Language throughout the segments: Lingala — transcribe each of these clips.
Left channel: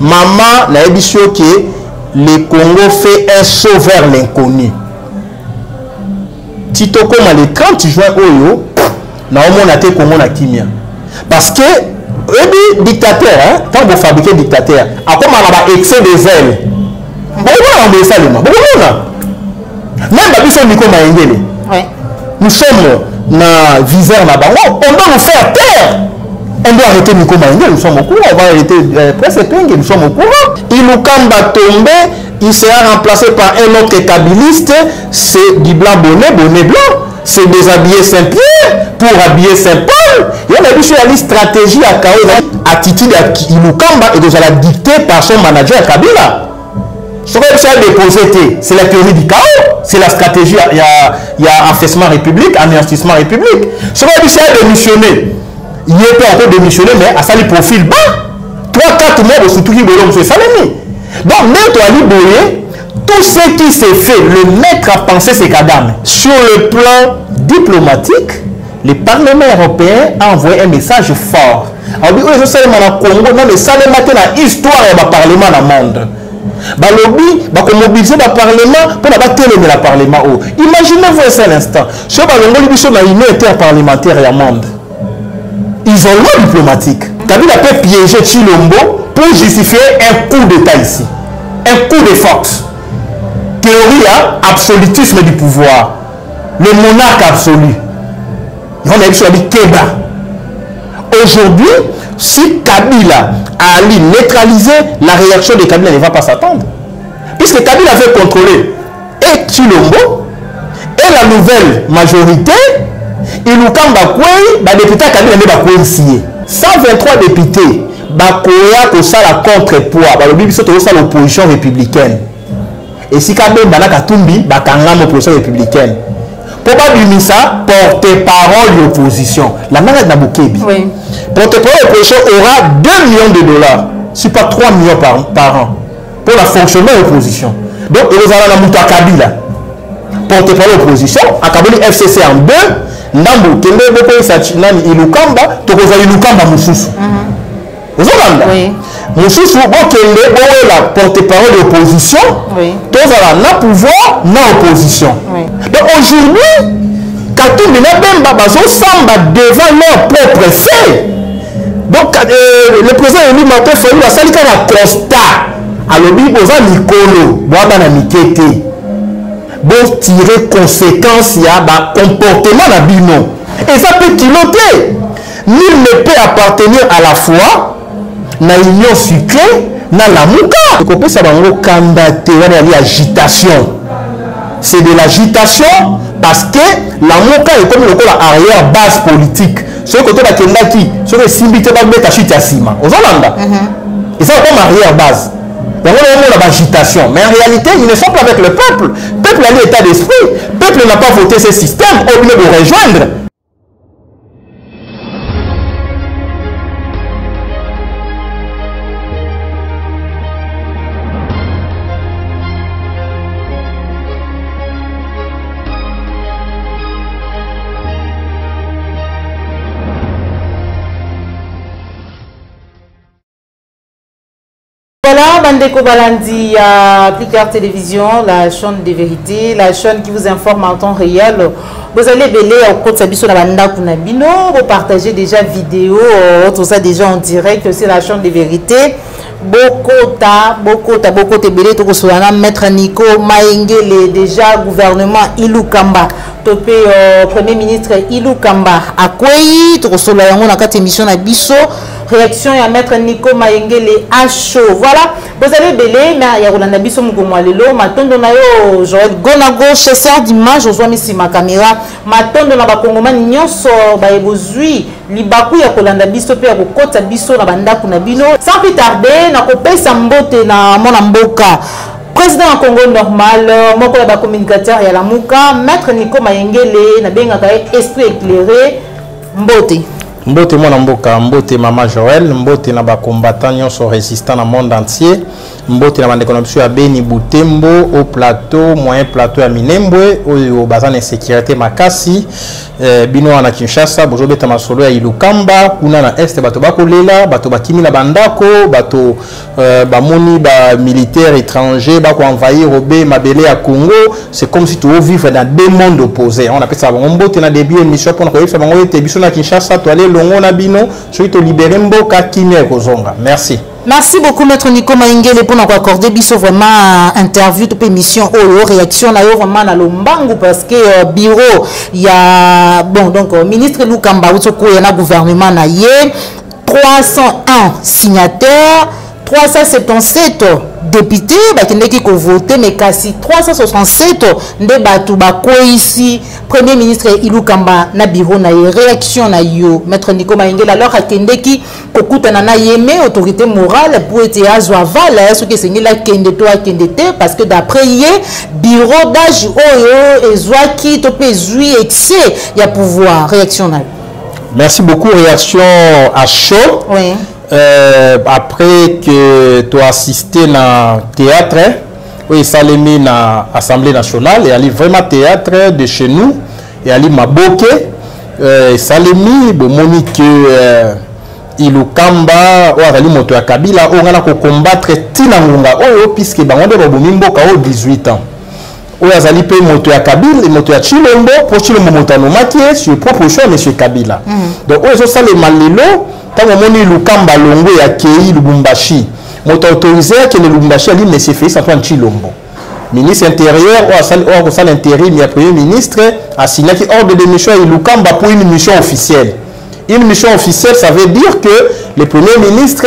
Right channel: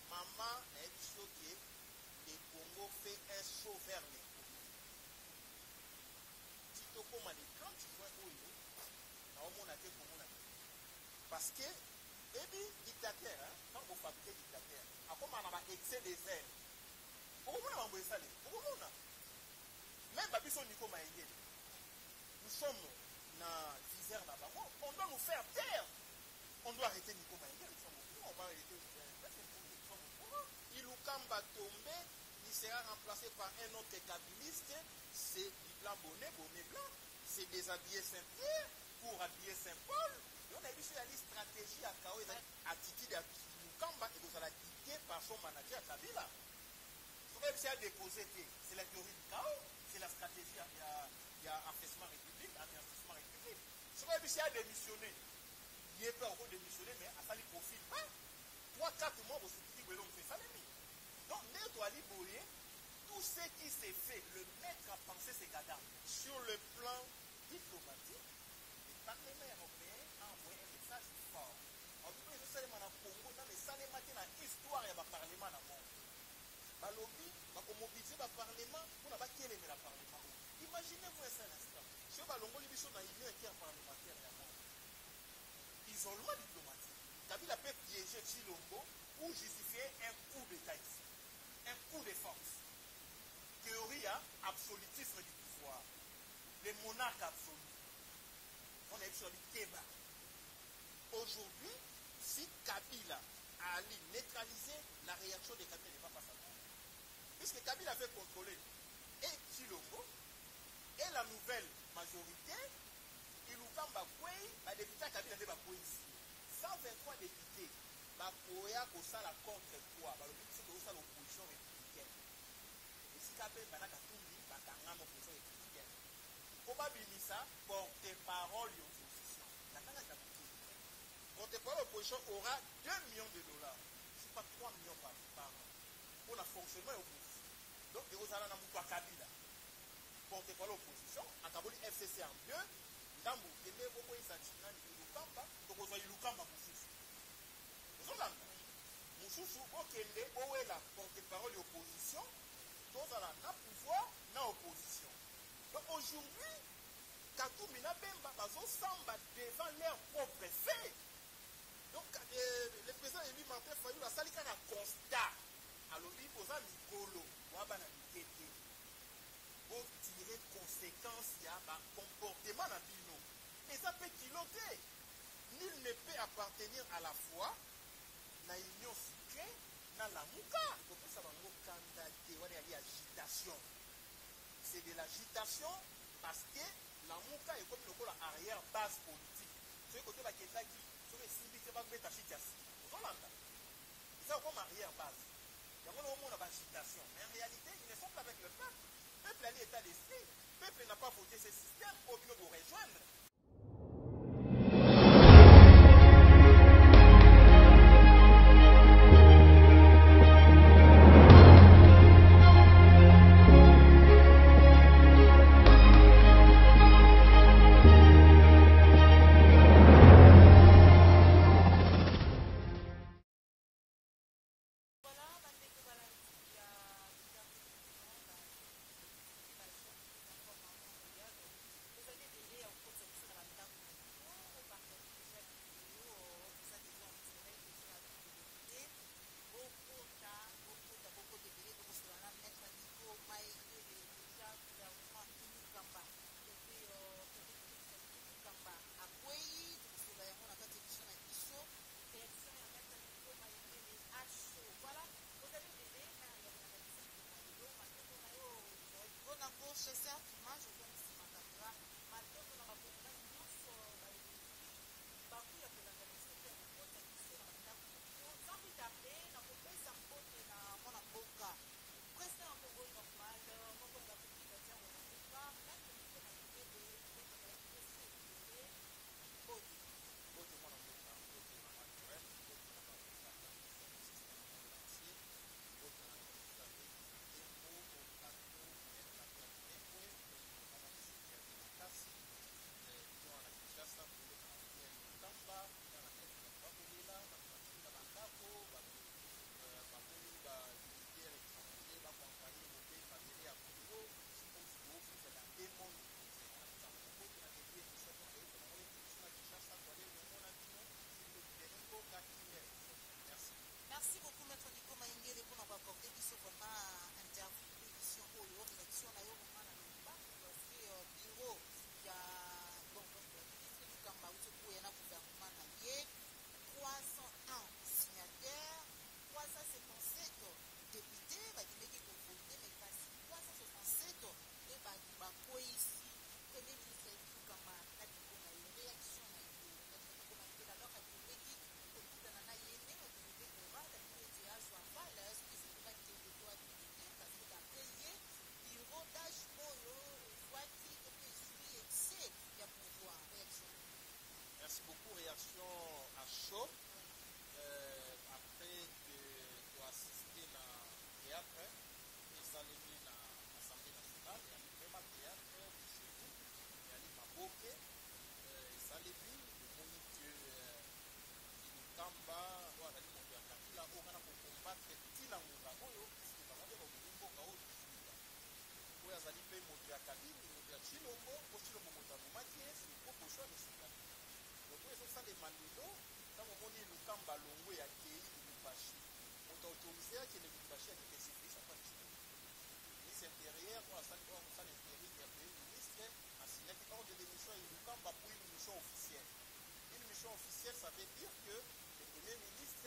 maman na ebisio que le Congo fait un saut vers l'inconnu. Tito comme le 30 juin oyo na omona te Congo na kimia. Parce que ebi dictateur hein, quand vous fabriquez dictateur, a comme on a excès de zèle. Bon on ça le bon même babiso Nico Maengele. Oui. Nous sommes na viseur là-bas. On doit nous faire taire. On doit arrêter Nico Maengele, nous sommes au courant. On va arrêter Presse Penge, nous sommes au courant. Ilukamba tombé, il sera remplacé par un autre kabiliste. C'est du blanc bonnet blanc. C'est déshabiller Saint-Pierre pour habiller Saint-Paul. Il y a une stratégie à Kao, attitude à Ilukamba et de la dictée par son manager Kabila. Ce qu'on a déposé, c'est la théorie du chaos, c'est la stratégie, il y a affaissement république, anéantissement république. Ce qu'on a démissionné, il n'est pas encore démissionné, mais à ça, il profile bas. 3-4 mois, surtout qui veut M. Salemi. Donc, même Ali Boye, tout ce qui s'est fait, le maître a pensé c'est Kadam. Sur le plan diplomatique, le Parlement européen a envoyé un message fort. Alors, oui, je sais, Congo, non, mais ça, c'est une histoire du Parlement dans le monde. Balobi, mobiliser le Parlement pour la télé de la Parlement. Imaginez-vous un seul instant. Si on sont dans une interparlementaire et un monde. Isolement diplomatique. Kabila peut piéger Chilombo pour justifier un coup d'État ici. Un coup de force. Théorie à absolutisme du pouvoir. Le monarque absolu. On a dit Keba. Aujourd'hui, si Kabila a neutralisé, la réaction de Kabila ne va pas s'attendre. Puisque Kabila veut contrôler et Chilombo et la nouvelle majorité, Ilukamba Kwei, les députés Kabila ne va pas signer. 123 députés, Bakoya pour ça la contrepoids, l'opposition républicaine. Et si Kabila Bana Katumbi, Bakangam l'opposition républicaine. Probablement ça, porte-parole de l'opposition. La malade Nabukebi. Oui. Porte-parole de l'opposition aura 2 millions de dollars, si pas 3 millions par an, pour la fonctionnement de l'opposition. Donc, il y a la Mouta Kabila. Porte-parole de l'opposition, à Kabila FCC en 2, Nambu, Kende, Boko, Sachinani, Ilukamba, Tokoza Ilukamba Moussoussou. Vous entendez? Oui. Moussoussou, Kende, la porte-parole de l'opposition, Tokoza na pouvoir, na opposition. Oui. Donc aujourd'hui, Katou Bemba Samba devant leur propre fait. Donc le président Élie Martin Fayou a sali un constat. Alors il y a Nicolo, Boabana Mikete. Bon tirer conséquence, il y a un comportement à bino. Et ça peut piloter. Nul ne peut appartenir à la fois na union sucrée, na la mouka. Donc on peut savoir une agitation. C'est de l'agitation parce que la MOCA est comme l'arrière base politique. Ce côté de Kendaki, ce que Simbite va mettre à Chitiasima. Aux Hollanda. Et ça comme arrière base. Donc on a l'agitation. Mais en réalité, ils ne sont pas avec le peuple. Le peuple a l'état d'esprit. Le peuple n'a pas voté ce système. Au lieu de rejoindre. Voilà, Bandeko Balandi, Picard Télévision, la chaîne de vérité, la chaîne qui vous informe en temps réel. Vous allez belé au côté de la banda Kunabino, vous partagez déjà vidéo, tout ça déjà en direct, c'est la chaîne de vérité. Bokota belé, tout ça, Maître Nico Maengele, déjà gouvernement Ilukamba, topé Premier ministre Ilukamba, Akwei, tout ça, on a 4 émissions à Bisso. Réaction à Maître Nico Maengele à chaud. Voilà, vous avez belé, mais il y a Rolanda Bisso Mugomwalelo, Matondo Nayo, Joël Gonago, chasseur d'images, je vois ici ma caméra, Matondo na Bakongoma Nyonso, Baebozui, Libaku ya Rolanda Bisso, Pia Kota Bisso, na Banda Kunabino. Sans plus tarder, na Kopé Sambote na Monamboka. Président en Congo normal, mon communicateur et la Mouka, Maître Nico Maengele, na Bengaka esprit éclairé, Mbote. Mbote mwana mboka, mbote Mama Joël, mbote na ba combattants sont résistants dans le monde entier. Mbote na bande konopsu ya Beni Butembo au plateau, moyen plateau à Minembwe, au bazan insécurité makasi. bino wana Kinshasa bozobeta masolo ya Ilukamba kuna na est bato bakolela bato bakimi na bandako bato bamoni ba militaires étrangers bako envahir obe mabele ya Congo. C'est comme si tu vivre dans deux mondes opposés. On appelle ça bombo te na début émission pour na koyesa bango ete biso na Kinshasa to aller longo na bino so to libérer mboka kimia kozonga. Merci. Merci beaucoup Maître Nico Maingele pour nous accorder biso vraiment interview de émission ou réaction na vraiment na lombangu parce que bureau il y a bon donc ministre Lukamba Utoko y a gouvernement na yé 301 signataires 377 députés qui ont voté mais quasi 367 de batu bako ici premier ministre Ilukamba na bureau na réaction na yo Maître Nico Maingela alors akendeki kokuta na yeme autorité morale pour être azoaval ce que c'est la kende to akendete parce que d'après yé bureau d'âge oyo ezwaki to pezui excès ya pouvoir réaction na. Merci beaucoup réaction à chaud. Oui. Après que tu as assisté à théâtre, oui, ça l'a mis à l'Assemblée nationale, et allait vraiment théâtre de chez nous, et allait Maboke, ça l'a mis, bon, Monique, Ilukamba, ou allait moto à Kabila, on a combattre Tinangunga, puisque Bango de Robumimboka, 18 ans. Ou allait payer moto à Kabila, et moto à Chilombo, pour Chilombo Montano Makie, sur proposition de M. Kabila. Donc, on a les malilo. Tant que Lukamba Longo et accueilli Lubumbashi, m'ont autorisé que le Lubumbashi ali M. Félix Antoine Chilombo. Ministre intérieur, ou à l'intérim, il y a premier ministre, a signé ordre de mission à Lukamba pour une mission officielle. Une mission officielle, ça veut dire que le premier ministre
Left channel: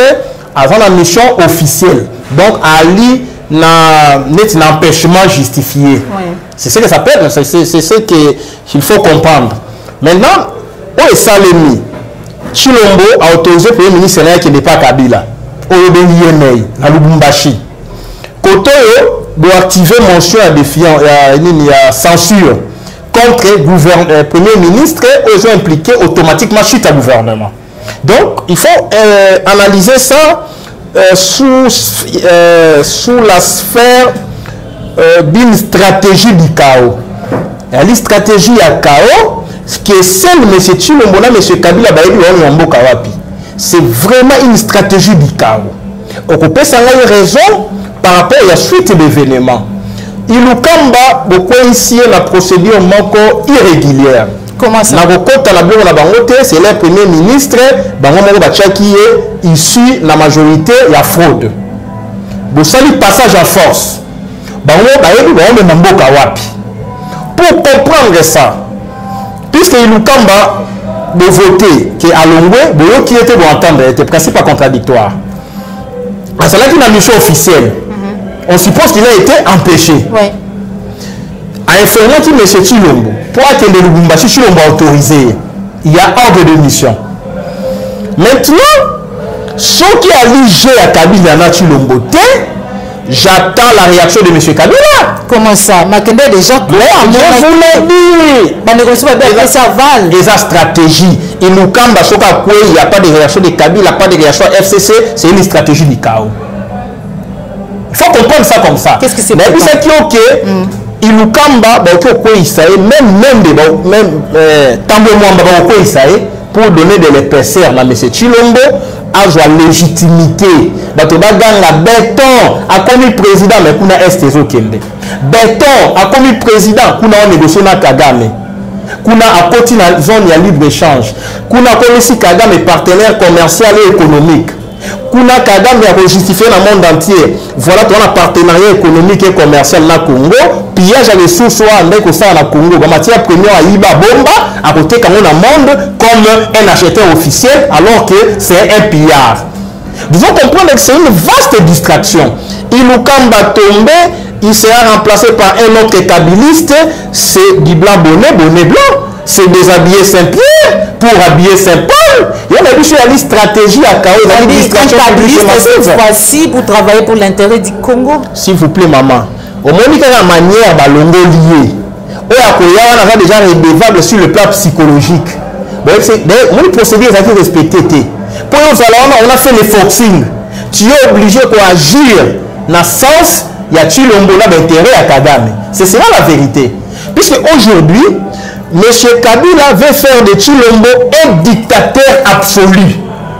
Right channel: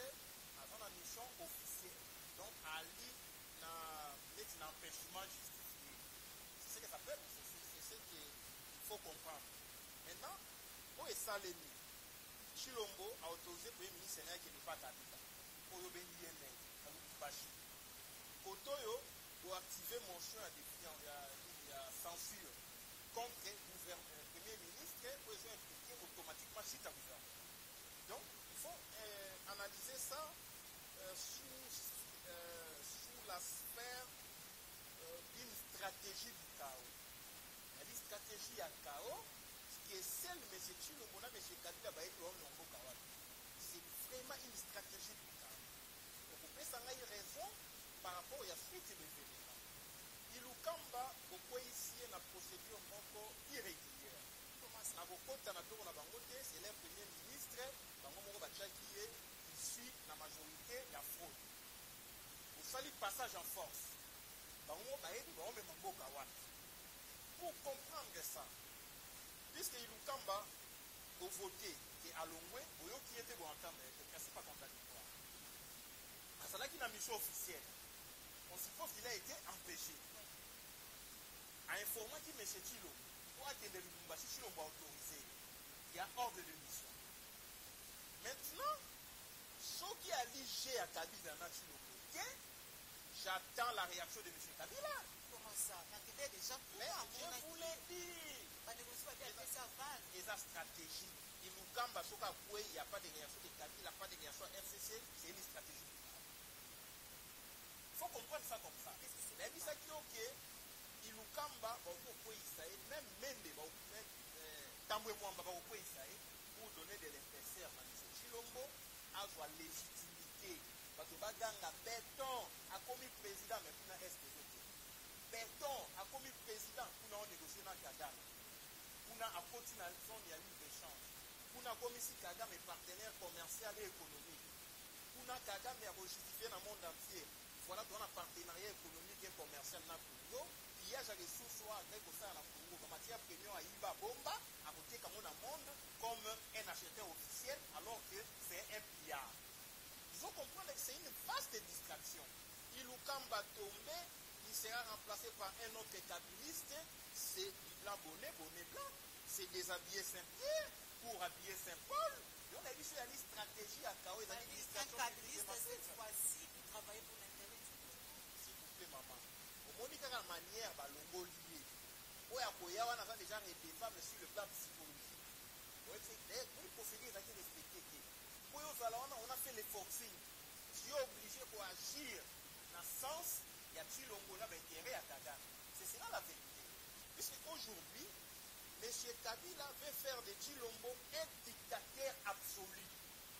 a la mission officielle. Donc, Ali n'a un empêchement justifié. Oui. C'est ce que ça s'appelle, c'est ce qu'il faut comprendre. Maintenant, où est Salemi? Chilombo a autorisé le premier ministre qui n'est pas Kabila. Oyebeli à Lubumbashi. Koto doit activer motion à défiant, à censure contre le premier ministre aux ont impliqué automatiquement suite à gouvernement. Donc il faut analyser ça sous la sphère d'une stratégie du chaos. La stratégie à chaos. Ce qui est seul, M. Chilombo, M. Kabila, c'est vraiment une stratégie du chaos. On peut une raison par rapport à la suite d'événements. Ilukamba, beaucoup ici, la procédure irrégulière. Comment ça? C'est le premier ministre qui est issu de la majorité de la fraude. Vous savez, passage en force. Pour comprendre ça, puisque Ilukamba de voter qui est à Longwe, qui était pour entendre, était principe pas contradictoire. C'est là qu'il a une mission officielle. On suppose qu'il a été empêché. Oui. À infirmer qui M. Chilombo, pour attendre le Lubumbashi, Chilombo a autorisé. Il y a ordre de mission. Maintenant, ceux qui a ligé à Kabila na Chilombo, j'attends la réaction de M. Kabila. Comment ça? Makende déjà clair. Je voulais dire. Des stratégies. Et nous, quand il n'y a pas de réaction de Kabila, pas de réaction FCC, c'est une stratégie du chaos. Il faut comprendre ça comme ça. Qu'est-ce que c'est? Mais c'est qui ok. Il nous kamba, pour donner de l'épaisseur à M. Chilombo, à la légitimité. La béton a commis président, mais qu'on a estézo kende. Béton a commis président, qu'on a négocié na Kagame. Qu'on a apporté la zone de libre-échange. Qu'on a commis Kagame partenaire commercial et économique. Qu'on a Kagame a justifié dans le monde entier. Voilà, tu as un partenariat économique et commercial na Congo. Pillage à ressources soit avec au sein de Congo. La matière première à Iba Bomba, à côté comme on a monde comme un acheteur officiel, alors que c'est un pillard. Vous devez comprendre que c'est une vaste distraction. Il nous kamba tombé, il sera remplacé par un autre kabiliste, c'est du blanc bonnet, bonnet blanc. C'est déshabiller Saint-Pierre pour habiller Saint-Paul. Il y a une stratégie à chaos. Il y a une distraction cette fois-ci pour travailler pour l'intérêt du Congo. S'il vous plaît, maman. Au moins, il y a une manière de longo lié. On a déjà redevable sur le plan psychologique. Mon procédé est respecté. Pour nous, on a fait les forcing. Tu es obligé d'agir dans le sens, il y a Chilombo d'intérêt à Kagame. C'est cela la vérité. Puisque aujourd'hui, Monsieur Kabila veut faire de Tshilombo un dictateur absolu.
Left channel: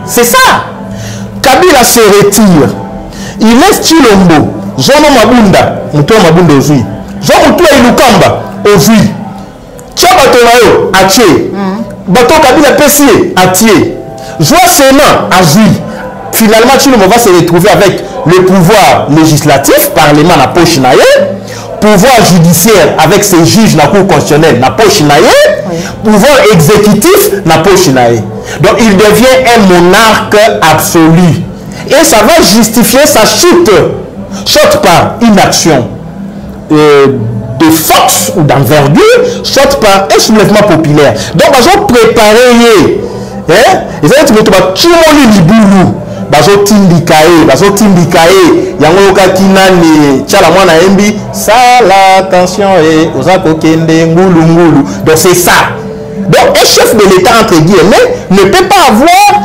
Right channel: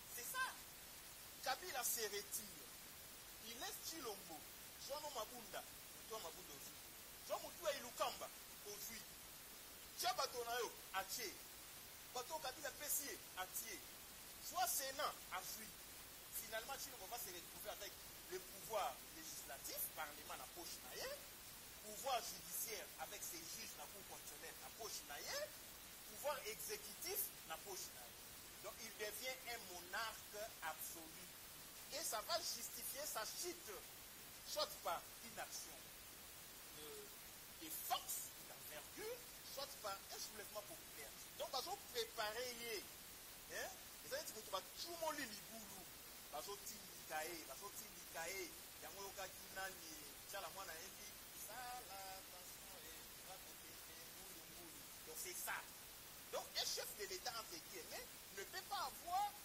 C'est ça. Kabila se retire. Il laisse Tshilombo. Jean Mabunda, Moutoua Mabunda Ozui. Jean Moutoua Ilukamba Ozui. Tia Batonayo, Atie. Bato Kabila Pessie, Atie. Joa Sénat, Azui. Finalement, Tshilombo va se retrouver avec le pouvoir législatif, parlement na poche naye, pouvoir judiciaire avec ses juges na cour constitutionnelle na poche naye, pouvoir exécutif na poche naye. Donc il devient un monarque absolu. Et ça va justifier sa chute. Chute par inaction de force ou d'envergure, chute par un soulèvement populaire. Donc ils ont préparé, ils ont dit bazo tindikae yango kakinani chala mwana embi sala attention ozako kende ngulu. Donc c'est ça. Donc un chef de l'État entre guillemets ne peut pas avoir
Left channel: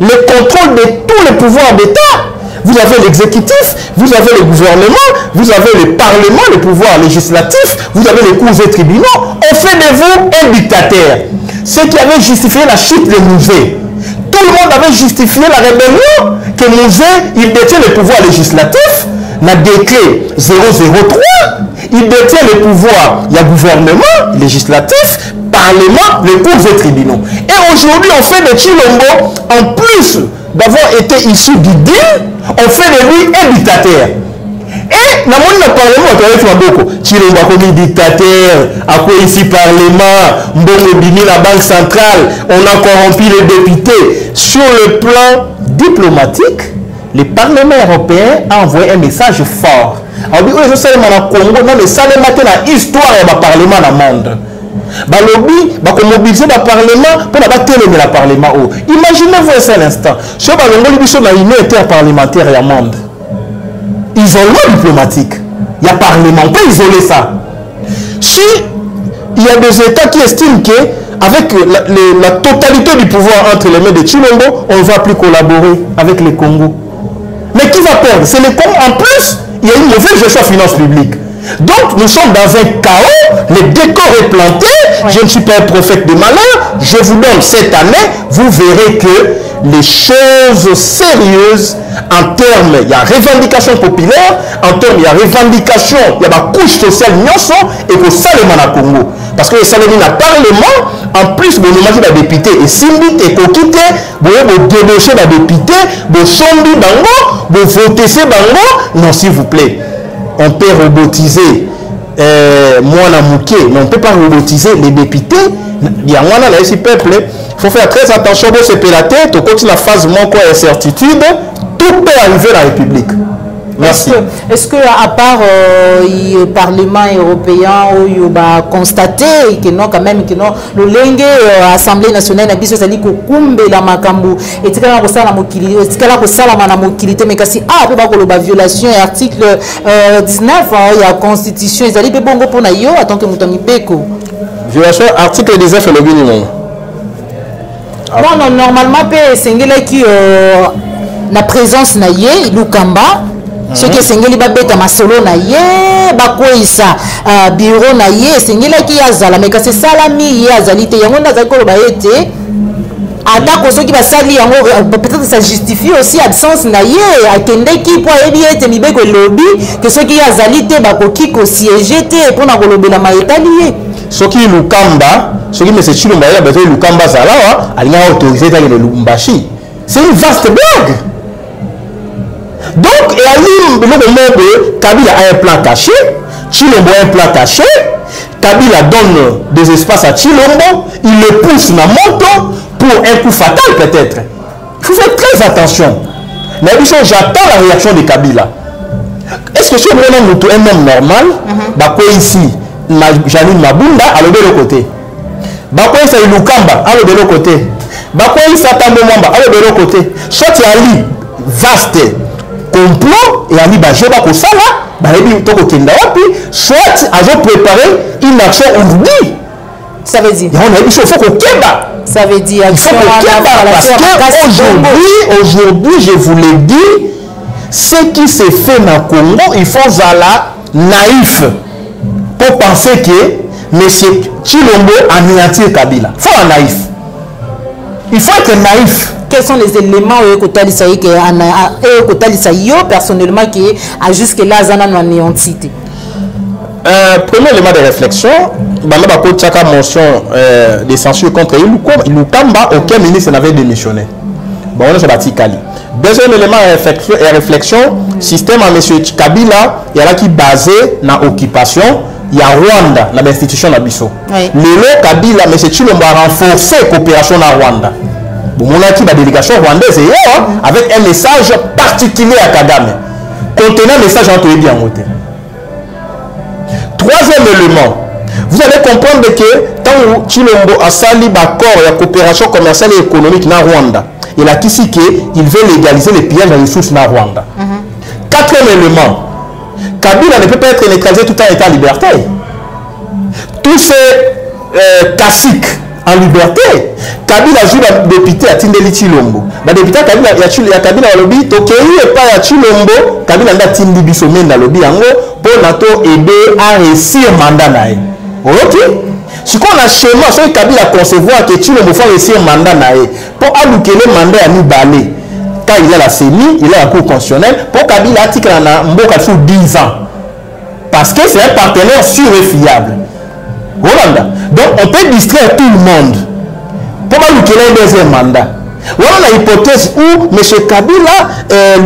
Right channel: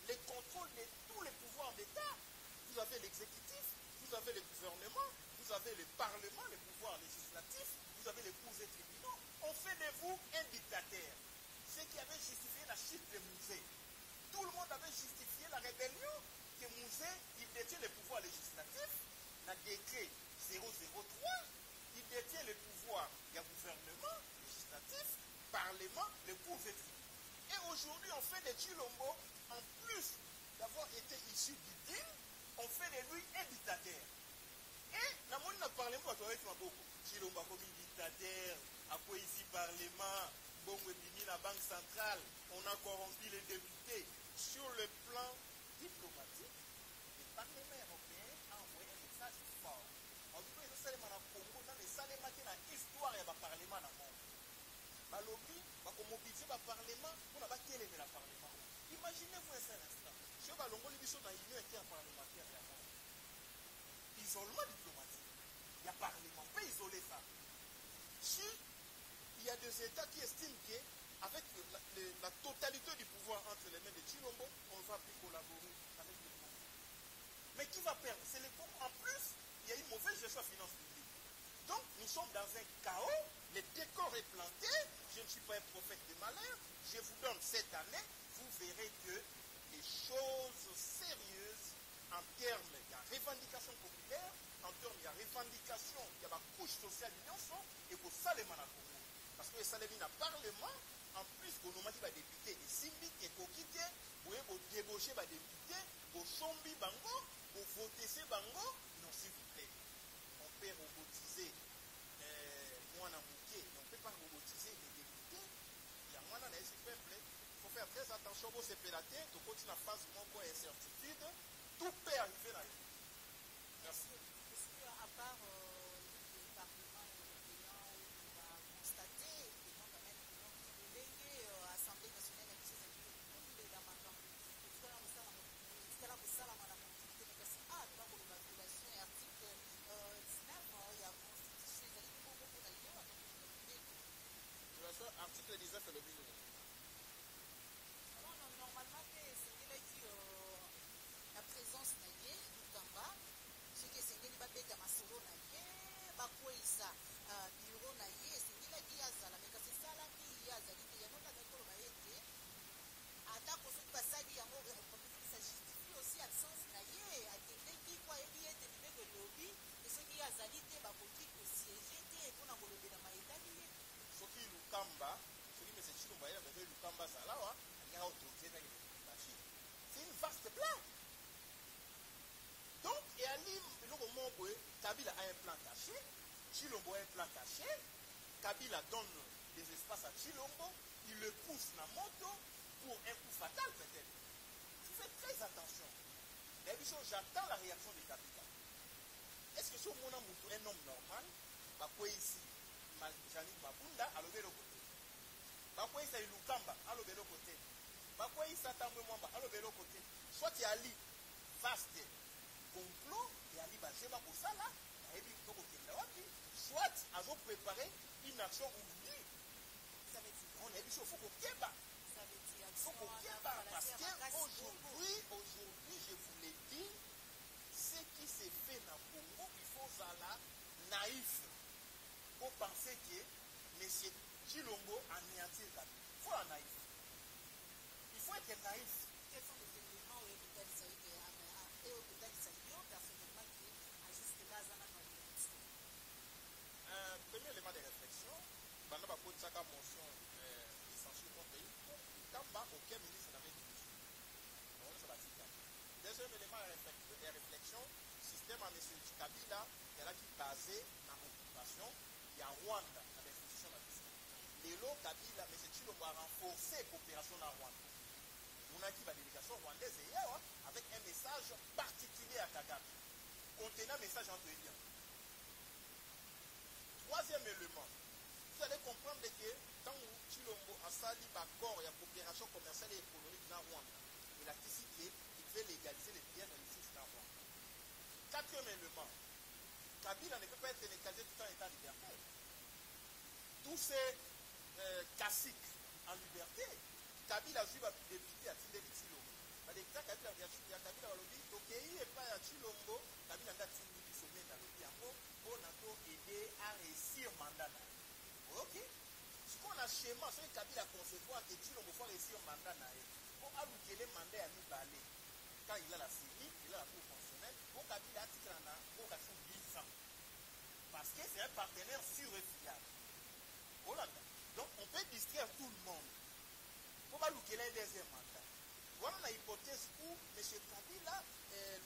le contrôle de tous les pouvoirs d'État. Vous avez l'exécutif, vous avez le gouvernement, vous avez le parlement, le pouvoir législatif, vous avez les cours et tribunaux. On fait de vous un dictateur. Ce qui avait justifié la chute de Mouzé. Tout le monde avait justifié la rébellion que Mouzé, il détient le pouvoir législatif, n'a décret 003, il détient le pouvoir, il y a gouvernement législatif, parlement, les cours et tribunaux. Et aujourd'hui, on fait de Tshilombo, en plus d'avoir été issu du deal, on fait de lui un dictateur. Et dans le parlement, Tshilombo a commis dictateur, a quoi ici parlement, Mbongo Bini, la banque centrale, on a corrompu les députés. Sur le plan diplomatique, le Parlement européen a envoyé un message fort. Alors, je sais que Congo, non, mais ça le matin, l'histoire du Parlement dans le monde. Balobi, mobiliser le Parlement pour la le Parlement. Imaginez-vous un instant. Si on a une union interparlementaire et un monde. Isolement diplomatique. Il y a Parlement, on peut isoler ça. Si il y a des États qui estiment qu'avec la totalité du pouvoir entre les mains de Tshilombo, on ne va plus collaborer avec les Congo. Mais qui va perdre? C'est les Congo. En plus, il y a une mauvaise gestion des finances publiques. Donc, nous sommes dans un chaos, le décor est planté, je ne suis pas un prophète de malheur, je vous donne cette année, vous verrez que les choses sérieuses, en termes, il y a revendication populaire, en termes, il y a revendication, il y a ma couche sociale, et que ça, le mana Congo. Parce que ça, le Parlement, en plus, vous imaginez les députés, et Simbi, et Kokite, vous débauchez les députés, vous sombi bango, vous votez ces bango, non, s'il vous plaît. On peut robotiser Mwana Mouké, mais on ne peut pas robotiser les députés. Il y a Mwana là ici peuple. Il faut faire très attention de se payer la tête. Au côté de la phase manque incertitude, tout peut arriver dans la République. Merci. Est-ce que à part le Parlement européen où il a constaté que non quand même que non le lingue Assemblée nationale n'a pas besoin de kumbe la makambu et tu as ça la mokili et tu as ça la manamokilité mais kasi ah peut pas que la violation article 19 il y a constitution ils allaient bongo pour nayo attends que mutami beko violation article 19 le minimum. Non normalement pe sengela qui la présence naie Lukamba. Ce qui est sengeli babeta masolo na ye bakoisa bureau na ye sengela ki yazala mais c'est salami yazali te yango nazali ko ba ete atako soki basali yango peut-être ça justifie aussi absence na ye akende ki po ebi ete mibeko lobby que ce qui yazali te bakoki ko siéger te pour na kolobela maetali ye soki Lukamba soki mais c'est Tshilombo ya beto Lukamba zalawa alinga autoriser ta le Lubumbashi c'est une vaste blague. Donc, le moment où Kabila a un plan caché, Tshilombo a un plan caché, Kabila donne des espaces à Tshilombo, il le pousse dans la moto pour un coup fatal peut-être. Il faut faire très attention. Mais j'attends la réaction de Kabila. Est-ce que si on est un homme normal, bah ici, Janine Mabunda, à l'autre côté. Bah ici, Lukamba, à l'autre côté. Bah ici, Tambo Mwamba, à l'autre côté. Soit il y a un vaste complot et Ali Bajeba Kosala, soit ils ont préparé une action aujourd'hui. Ça veut dire il faut qu'on keba. Ça veut dire il faut qu'on keba parce qu'aujourd'hui, je vous l'ai dit, ce qui s'est fait dans le Congo, il faut zala naïf pour penser que M. Chilombo anéantir Kabila. Il faut être naïf. Il faut être naïf. Quels sont les éléments que personnellement qui a jusque-là anéanti? Premier élément de réflexion, Chaka motion de censure contre Ilukamba, aucun ministre n'avait démissionné. Bon, on a Kali. Deuxième élément de réflexion, système à M. Kabila, il y a qui basé dans l'occupation, il y a Rwanda, dans l'institution d'Abisso. Le Kabila, M. Chilombo a renforcé la coopération dans Rwanda. Bon, on a qui la délégation rwandaise avec un message particulier à Kagame, contenant un message entre les bien motés. Troisième élément, vous allez comprendre que tant que Chilombo a sali l'accord de coopération commerciale et économique dans Rwanda, il a dit qu'il veut légaliser les pillages de ressources dans Rwanda. Quatrième élément, Kabila ne peut pas être neutralisé tout en état en liberté. Tous ces caciques en liberté, Kabila joue le député à Tindeli Chilombo. Le député Kabila a Kabila au lobby, Tokei et pas à Chilombo, Kabila a Tindeli Bissomène dans le lobby pour NATO aider à réussir le mandat. Ok? Si on a schéma, c'est Kabila concevoir que Chilombo faut réussir le mandat pour allouer le mandat à Nibalé. Quand il a la CENI, il a la Cour constitutionnelle, pour Kabila article en Mboka sous 10 ans. Parce que c'est un partenaire sûr et fiable. Rwanda. Donc on peut distraire tout le monde pour allouer un deuxième mandat. Voilà l'hypothèse où M. Kabila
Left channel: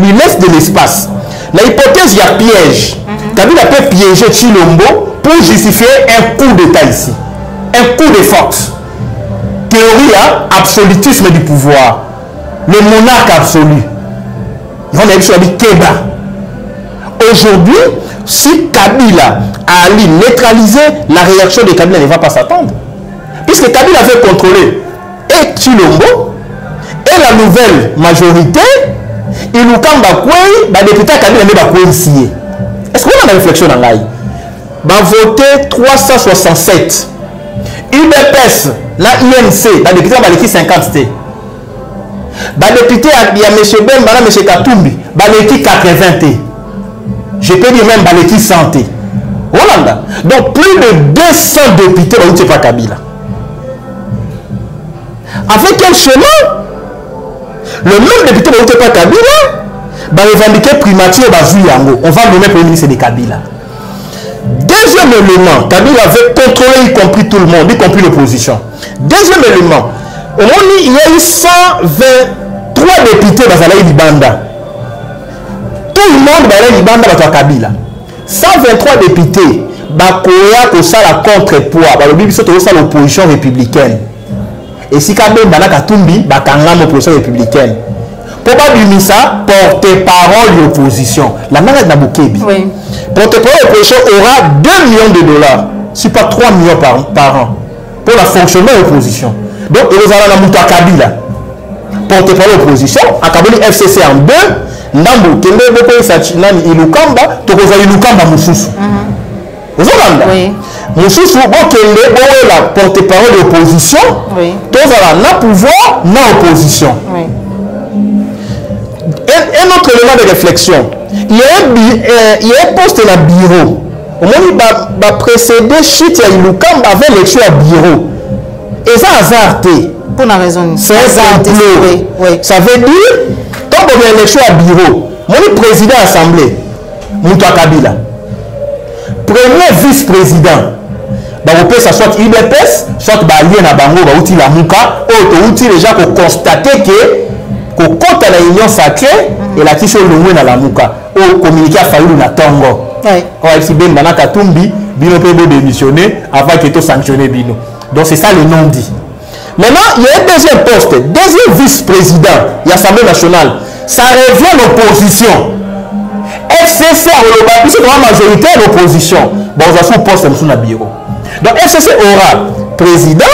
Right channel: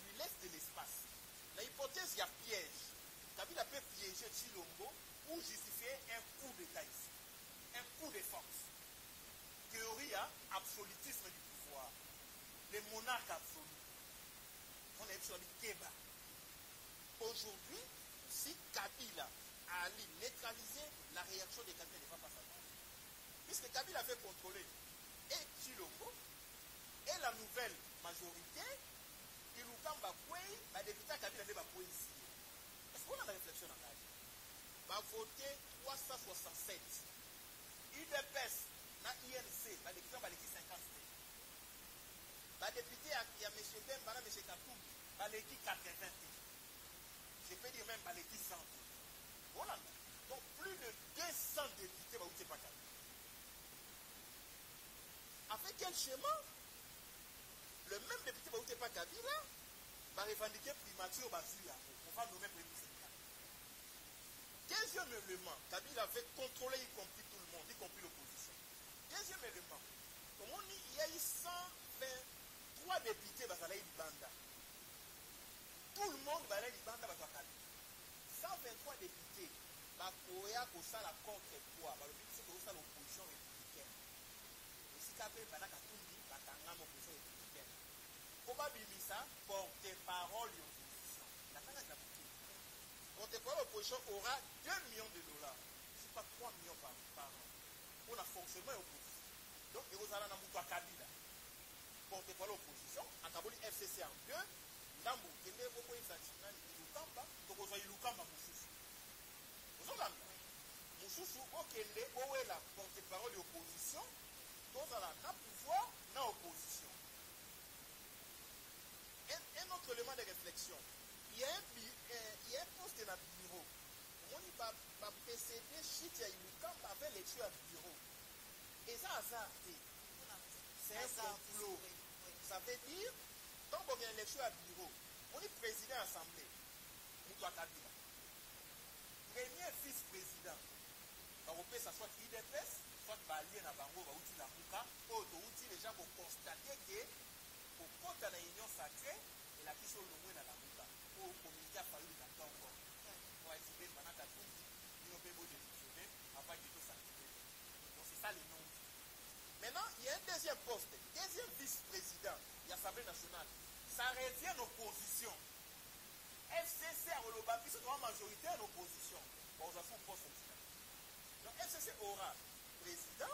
lui laisse de l'espace. L'hypothèse, il y a piège. Kabila peut piéger Chilombo pour justifier un coup d'État ici. Un coup de force. Théorie à absolutisme du pouvoir. Le monarque absolu. On a vu sur la Keba. Aujourd'hui, si Kabila a neutralisé, la réaction de Kabila ne va pas s'attendre. Puisque Kabila veut contrôler et Chilombo et la nouvelle majorité, il nous va député Kabila ne va pas ici. Est-ce qu'on a une réflexion dans l'ail? Va voter 367. UDPS, la INC, la député va l'équipe 50 T. La député, il y a M. Bemba, M. Katumbi, va l'équipe 80 T. Je peux dire même l'équipe 100 T. Hollanda. Donc plus de 200 députés vont voter par Kabila. Avec quel chemin? Le même député va voter par Kabila va revendiquer primature Yango. On va nommer Premier ministre de Kabila. Deuxième élément, Kabila veut contrôler y compris tout le monde, y compris l'opposition. Deuxième élément, au moment où il y a eu 123 députés dans la Libanda. Tout le monde dans la Libanda va être Kabila. 123 députés, Bakoya ko ça la contrepoids, ba lobi biso to ça l'opposition républicaine. Et si Kabila na Katumbi, bakanga l'opposition républicaine. Pour pas dire ça, porte-parole de l'opposition. La manette n'a Bokebi. Oui. Porte-parole de l'opposition aura 2 millions de dollars, si pas 3 millions par an, pour le fonctionnement de l'opposition. Donc, il y a la Mouta Kabila. Porte-parole de l'opposition, à Kabila FCC en 2, Ndambo, Kende, Boko, Sachinani, Ilukamba, Tokoza Ilukamba, Moussousou. Vous entendez? Oui. Moussousou, Kende, Boé, la porte-parole de l'opposition, oui. Tokoza na pouvoir, na opposition. Oui. Un autre élément de réflexion, il y a un poste dans le bureau. Au moment où il va précéder Chit et Ilukamba avec l'élection à bureau. Et ça a hasardé. Pour la raison. C'est un complot. Oui. Ça veut dire, quand on a l'élection à bureau, mon président de l'Assemblée, Mouta Kabila, premier vice-président, on peut ça soit UDPS, soit Balien à Bango, la Mouka, ou déjà pour constater que au compte à la union sacrée et la question de la Mouka au communiqué à Fayoulou na Tongo. Oui. Si Ben Banaka Tumbi, Bino peut démissionner avant qu'il soit sanctionné Bino. Donc c'est ça le nom dit. Maintenant, il y a un deuxième poste, deuxième vice-président de l'Assemblée nationale. Ça revient l'opposition. FCC a puisque la majorité de l'opposition. Bon, on a son poste dans le bureau. Donc FCC aura président,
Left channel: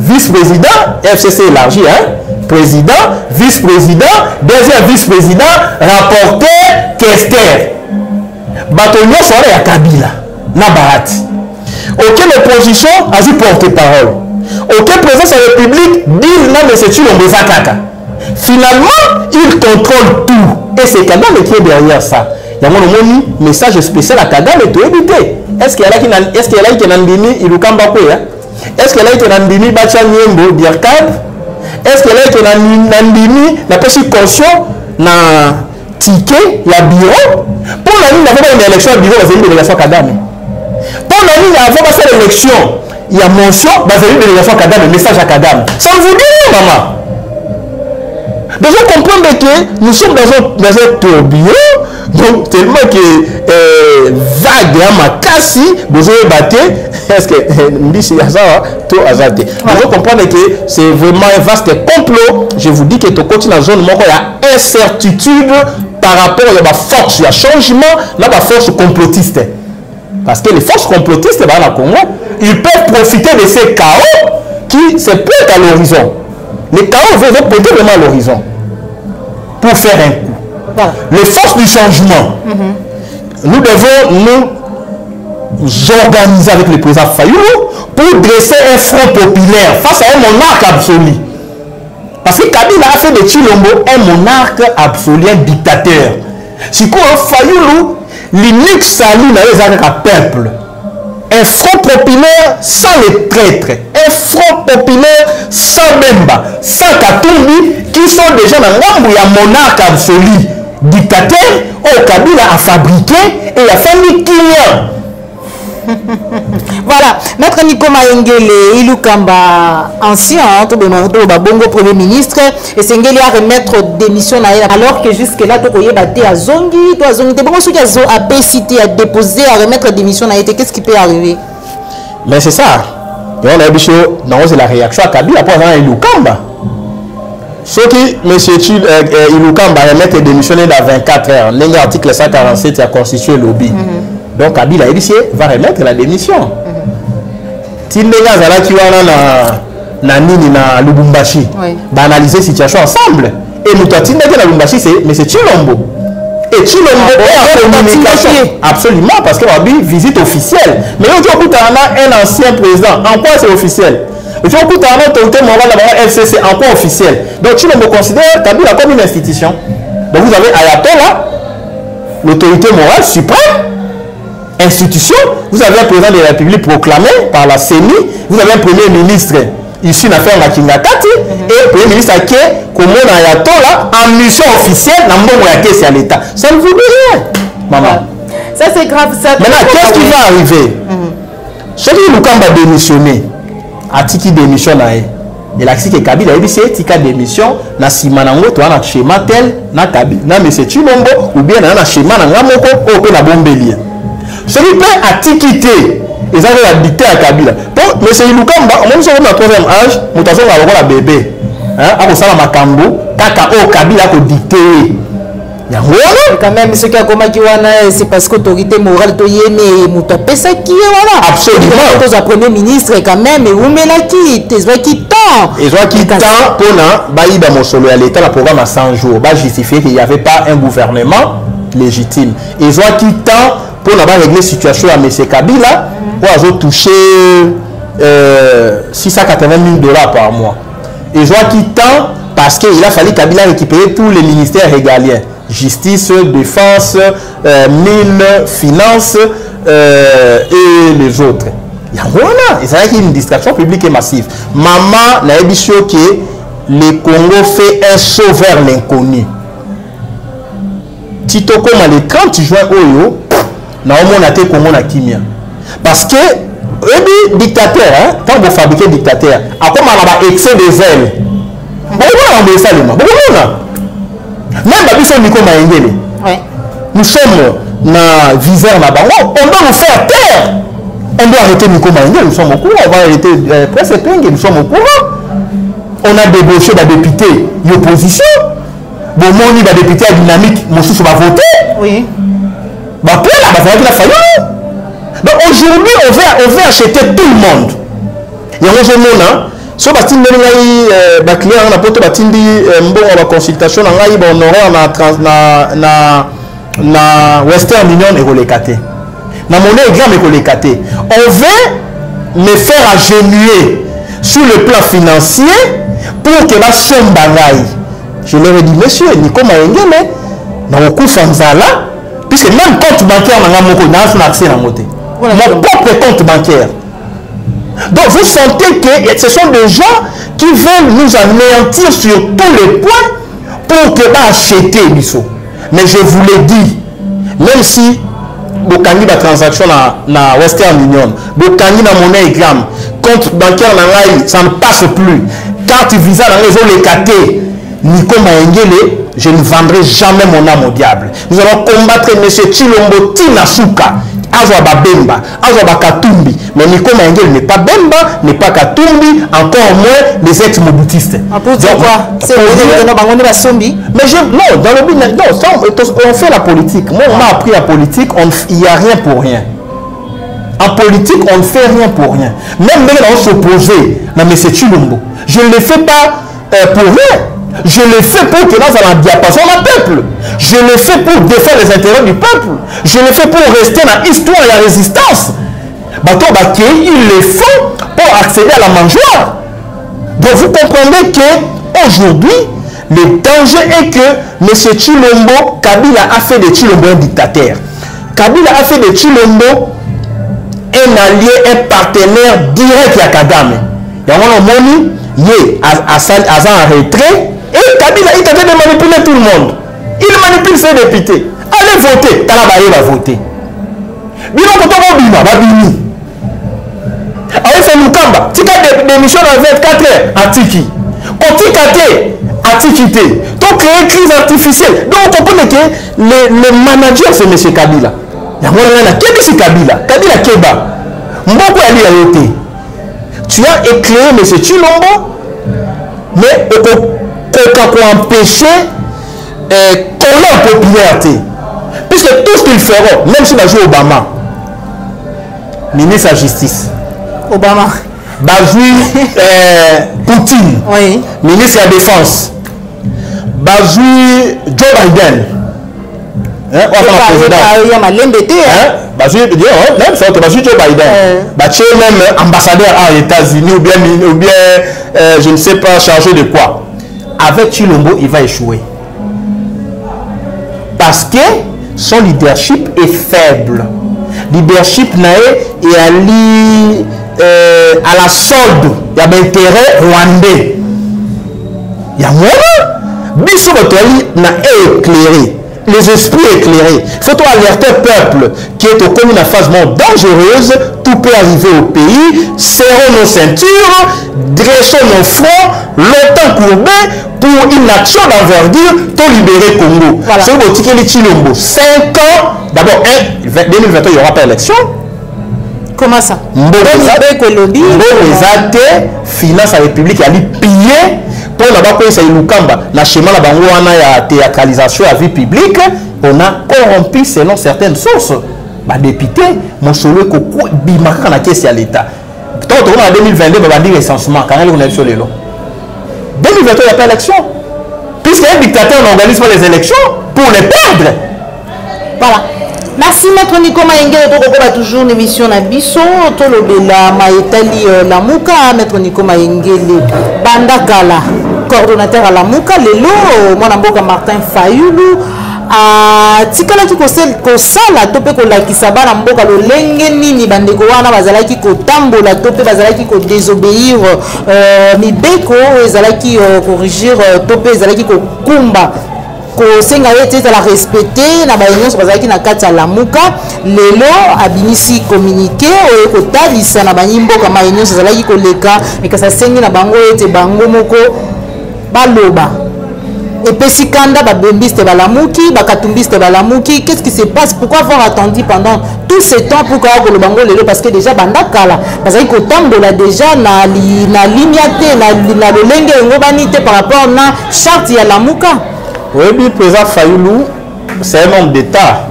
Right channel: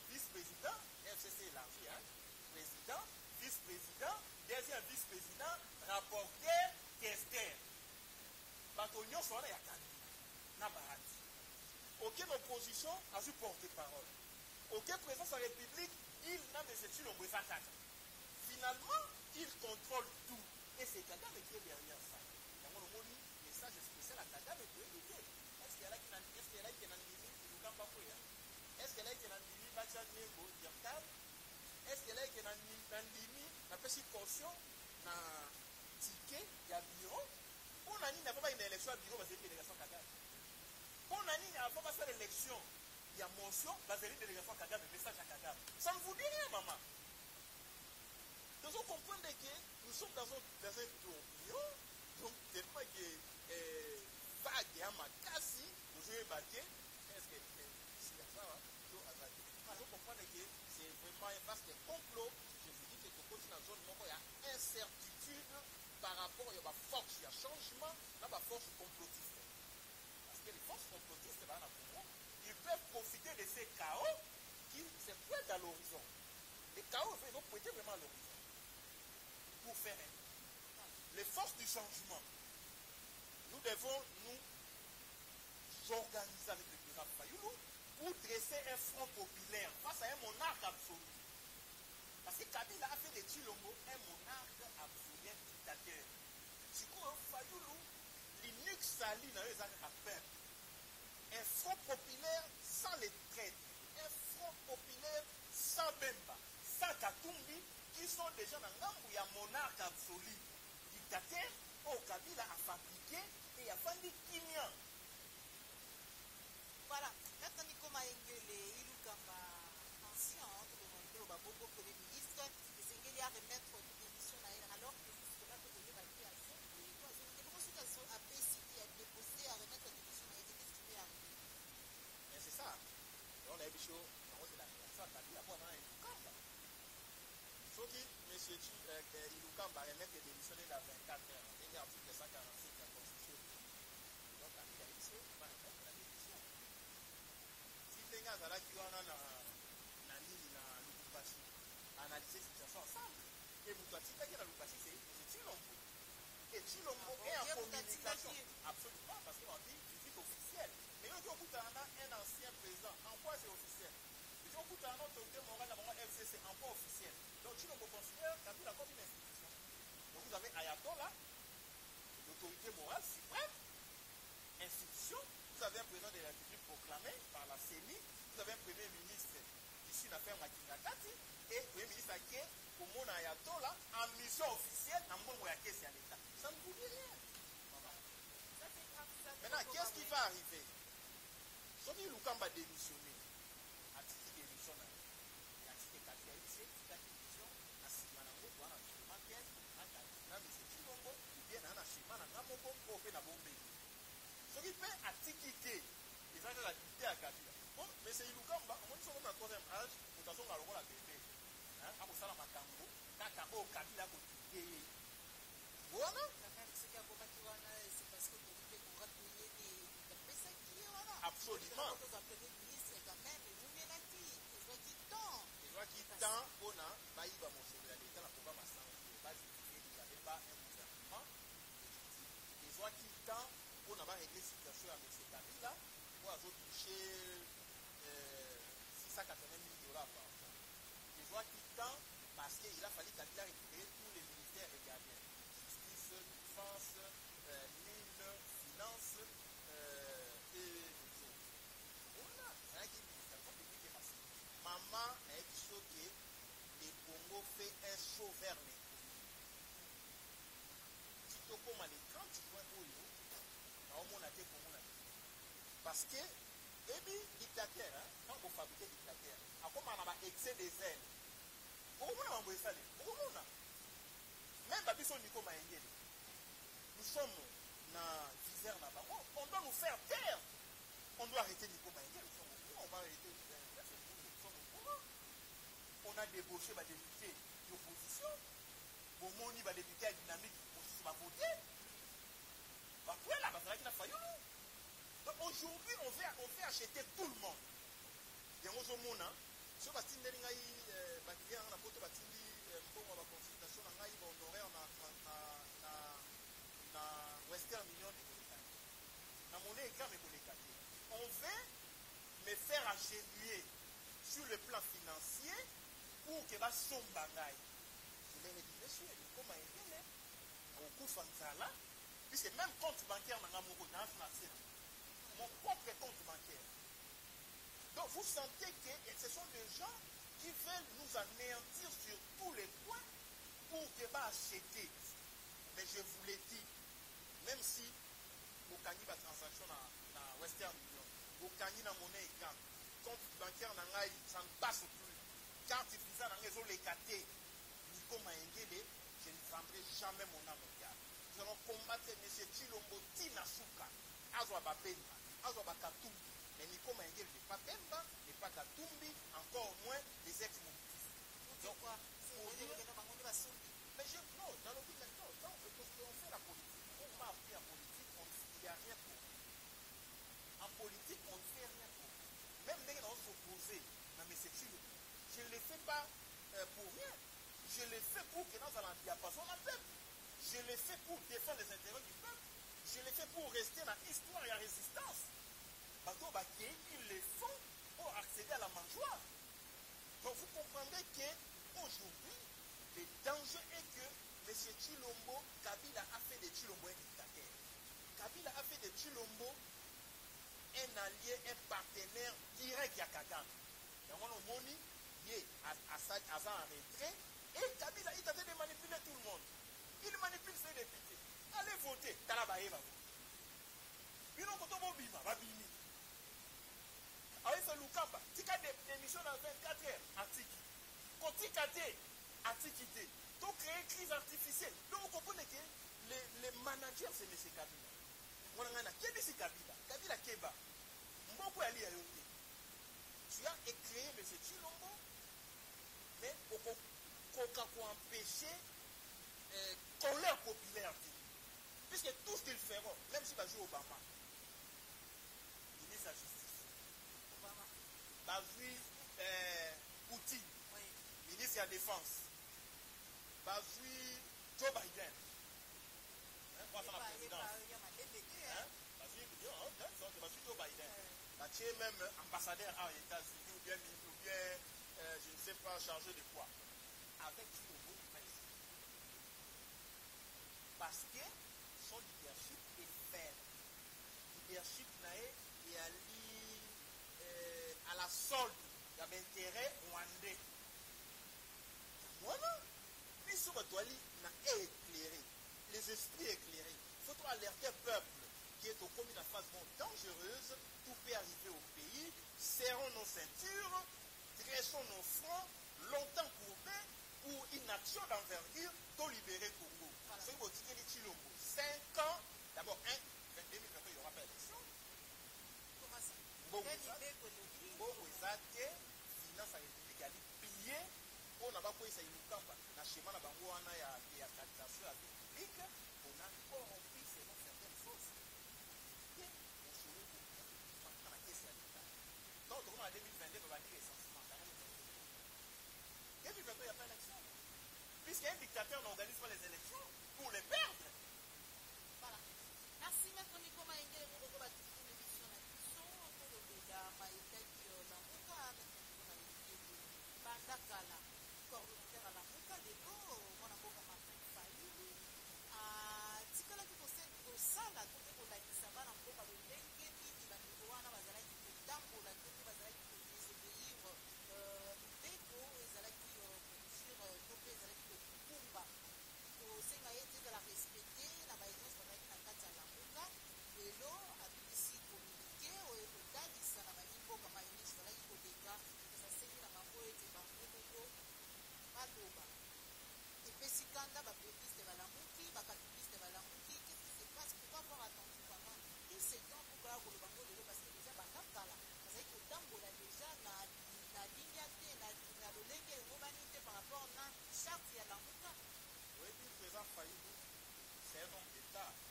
vice-président, FCC élargi, hein? Président, vice-président, deuxième vice-président, rapporteur, questeur. Bâtonnier soirée à Kabila, Nabarat. Aucune opposition a dit porte-parole. Aucun président de la République dit non, mais c'est Chilombo Kaka. Finalement, il contrôle tout. Et c'est Kagame qui est derrière ça. Il y a un message spécial à Kagame et tout éviter. Est-ce qu'il y a là qui n'a Ilukamba quoi? est-ce qu'elle a été nandimi bacha nyembo d'arcade? Est-ce qu'elle a été nandimi na pesi caution na ticket la bureau? Pour la ligne avant une élection au bureau, c'est une délégation Kadame. Pour la ligne avant passer l'élection, il y a mention, c'est une délégation Kadame, message à Kadame. Ça vous dit, maman? Donc vous comprenez que nous sommes dans un tourbillon, donc tellement que vague à ma casse, vous avez battu, est-ce que tout a zaté. Vous comprenez que c'est vraiment un vaste complot. Je vous dis que tu continues dans la zone, il y a incertitude par rapport à la force, il y a changement, là, la force complotiste. Parce que les forces complotistes, dans la Congo, ils peuvent profiter de ces chaos qui se pointent à l'horizon. Les chaos vont pointer vraiment à l'horizon pour faire un coup. Voilà. Les forces du changement, nous devons nous organiser avec le président Fayulu pour dresser un front populaire face à un monarque absolu. Parce que Kabila a fait de Tshilombo un monarque absolu, un dictateur. Si quoi Fayulu, l'unique salut dans les peuple. Un front populaire sans les traîtres, un front populaire sans Bemba, sans Katumbi, qui sont déjà dans l'ombre, il y a monarque absolu, dictateur, au Kabila a fabriqué et il a fait Nikiya. Voilà, Maître Nico Mayengele, Ilukamba, ancien, Bongo Premier ministre, et Sengeli à remettre démission alors que jusque-là, tu as battu à Zongi, tu as Zongi, tu as cité, à déposer, à remettre démission, qu'est-ce qui peut arriver? Mais c'est ça. On a dit c'est la réaction à Kabila pour avoir Ilukamba. Ce qui, M. Ilukamba remettre démissionner dans 24 heures, l'article 147 a constitué le lobby. Donc Kabila va remettre la démission. Tindega Zala qui va na nini na Lubumbashi, va analyser la situation ensemble. Et nous Tindega na Lubumbashi c'est M. Tshilombo. Et Tshilombo est en communication. Absolument, parce qu'il y a une visite officielle. Mais on dit un ancien président. En quoi c'est officiel? On dit un autorité morale la FCC. En quoi officiel? Donc Tshilombo considère Kabila comme une institution. Donc vous avez Ayatollah, l'autorité morale suprême. Institution, vous avez un président de la République proclamé par la CENI, vous avez un premier ministre issu d'affaires Makingakati et un premier ministre qui est comme Ayatollah en mission officielle dans le caisse à l'État. Ça ne vous dit rien, maman. Ça c'est grave. Ça. Maintenant, qu'est-ce qui va arriver? Ceux qui nous ont démissionné, à Tiki démission, il a dit que Kabila a dit que Tika démission, na Simanango, tu as un schéma tel, na Kabila, na M. Tshilombo, ou bien na schéma na Ngamoko, ou bien na Bombélia. Celui qui a quitter, ils ont la dictée à Kabila. Pour M. Ilukamba, même si on a le troisième âge, nous avons un bébé. À ça, la Makambo, Kaka, Kabila a dicté. Quand même, ce qui a commencé, c'est parce que l'autorité morale, c'est qui voilà. Absolument. Le premier ministre, quand même, et vous mettez qui tant. Ils ont qui tant pour Baïba Mosolo à l'État, le programme à 100 jours, va justifier qu'il n'y avait pas un gouvernement légitime. Ils ont qui tant pour régler la situation à M. Kabila, pour avoir touché 680 000 $ par mois. Ils ont qui tant parce qu'il a fallu Kabila récupérer tous les ministères régaliens. Justice, défense, mines, finances et les autres. Il y a une distraction publique et massive. Maman n'a pas dit que le Congo fait un saut vers l'inconnu. Tito comme le 30 juin, na Congo na kimia. Parce que le dictateur, quand vous fabriquez dictateur, à comment on a excès de zèle. Même si Nico Mayengele, nous sommes dans viseur là-bas, on doit nous faire taire. On doit arrêter Nico Mayengele, nous sommes au courant, on va arrêter Presse Penge, nous sommes au courant. On a débauché des députés d'opposition. Bon, on a des députés à dynamique, mon sous va voter. Oui. Donc aujourd'hui, on veut acheter tout le monde. Il y a un jeune monde, so batindi ngai ba client na poto batindi mbongo ba consultation na ngai ba honoraire na Western Union et kolekate. Na monnaie grand et kolekate. On veut me faire agenouiller sur le plan financier pour que la somme bangai. Je leur ai dit monsieur Nico Mayengele na okufa nzala puisque même compte bancaire na ngamoko na son accès na moté. Mon propre compte bancaire. Donc vous sentez que ce sont des gens qui veulent nous anéantir sur tous les points pour que va acheter Bissot. Mais je vous l'ai dit, même si Bokani la transaction na Western Union, Bokani na monnaie gramme, compte bancaire ça ne passe plus. Carte Visa dans les zones les catés, Nico Maengele, je ne vendrai jamais mon âme au diable. Nous allons combattre M. Chilombo Tinasuka. Azwa Bemba, Azwa Katumbi, mais Nico Maengele n'est pas Bemba, n'est pas Katumbi, encore moins les ex-moboutistes. C'est mais non, dans le but, non, on fait la politique. Moi, on m'a appris la politique, il n'y a rien pour rien. En politique, on ne fait rien pour rien. Même on s'opposer à M. Chilombo. Je ne le fais pas pour rien. Je le fais pour que dans un diapason du peuple. Je le fais pour défendre les intérêts du peuple. Je le fais pour rester dans l'histoire et la résistance. Il le faut pour accéder à la mangeoire. Donc vous comprenez qu'aujourd'hui, le danger est que M. Chilombo, Kabila a fait de Chilombo un dictateur. Kabila a fait de Chilombo un allié, un partenaire direct à Kagame. Il y a un moment, il est en retrait. Et Kabila, il tentait de manipuler tout le monde. Il manipule ses députés. Allez voter. Talabaye va voter. Bino Kotomo Bima va bini. Allez faire Lukamba. Tika démission dans 24 heures. Atiki. Kotikate. Atikite. Donc créer une crise artificielle. Donc on comprend que le manager c'est M. Kabila. Il y a un qui c'est Kabila. Kabila Keba. Mboko Ali a été. Tu as éclairé M. Chilombo. Mais pour empêcher qu'on ait en popularité. Puisque tout ce qu'ils feront, même si on joue Obama, ministre de la Justice, Obama, Poutine, oui. Ministre de la Défense, Joe Biden, Joe Biden, même ambassadeur aux États-Unis ou bien je ne sais pas, chargé de quoi. Avec Chilombo, il va échouer. Parce que son leadership est faible. Leadership est à la solde. Il y a un intérêt rwandais. Il y a moins. Bissot n'a éclairé. Les esprits éclairés. Il faut alerter le peuple qui est au commun une phase dangereuse. Tout peut arriver au pays. Serrons nos ceintures, dressons nos fronts, longtemps courbés pour une action d'envergure pour libérer Congo. Voilà. C'est le ticket de Chilombo. 5 ans. D'abord, 2021, il n'y aura pas d'élection. Comment ça? Finance la République, elle est pillée. Pour la schéma la théâtralisation à vie publique, on a corrompu selon certaines sources. Député, mon solo bimaka na caisse à l'État. Tant en 2022, on va dire recensement quand on est sur les lots. 2022, il n'y a pas d'élection. Puisqu'un dictateur n'organise pas les élections pour les perdre. Voilà. Merci Maître Nico Maengele, toujours une émission na biso, tolobela maetali Lamuka, Maître Nico Maengele, Bandakala, coordonnateur à Lamuka, lelo, mon amboka Martin Fayulu, tikala ki kosala tope kolakisa bana mboka lolenge nini bandeko wana bazalaki kotambola tope bazalaki ko désobéir mibeko ezalaki corriger tope ezalaki kokumba kosenga ete la respecter na baunion bazalaki na kati ya Lamuka lelo abinisi communiqué oyo kotalisa na banyimboka baunion ezalaki koleka ekasa sengi na bango ete bango moko baloba et Pessikanda, Babembiste Balamuki, Bakatumbiste Balamuki, qu'est-ce qui se passe? Pourquoi avoir attendu pendant tout ce temps pour que le bango lelo? Parce que déjà Bandakala, parce que Kotambola déjà na limiate, na lolenge ngobanite par rapport na charte ya Lamuka. Oui, le président Fayulu, c'est un homme d'État.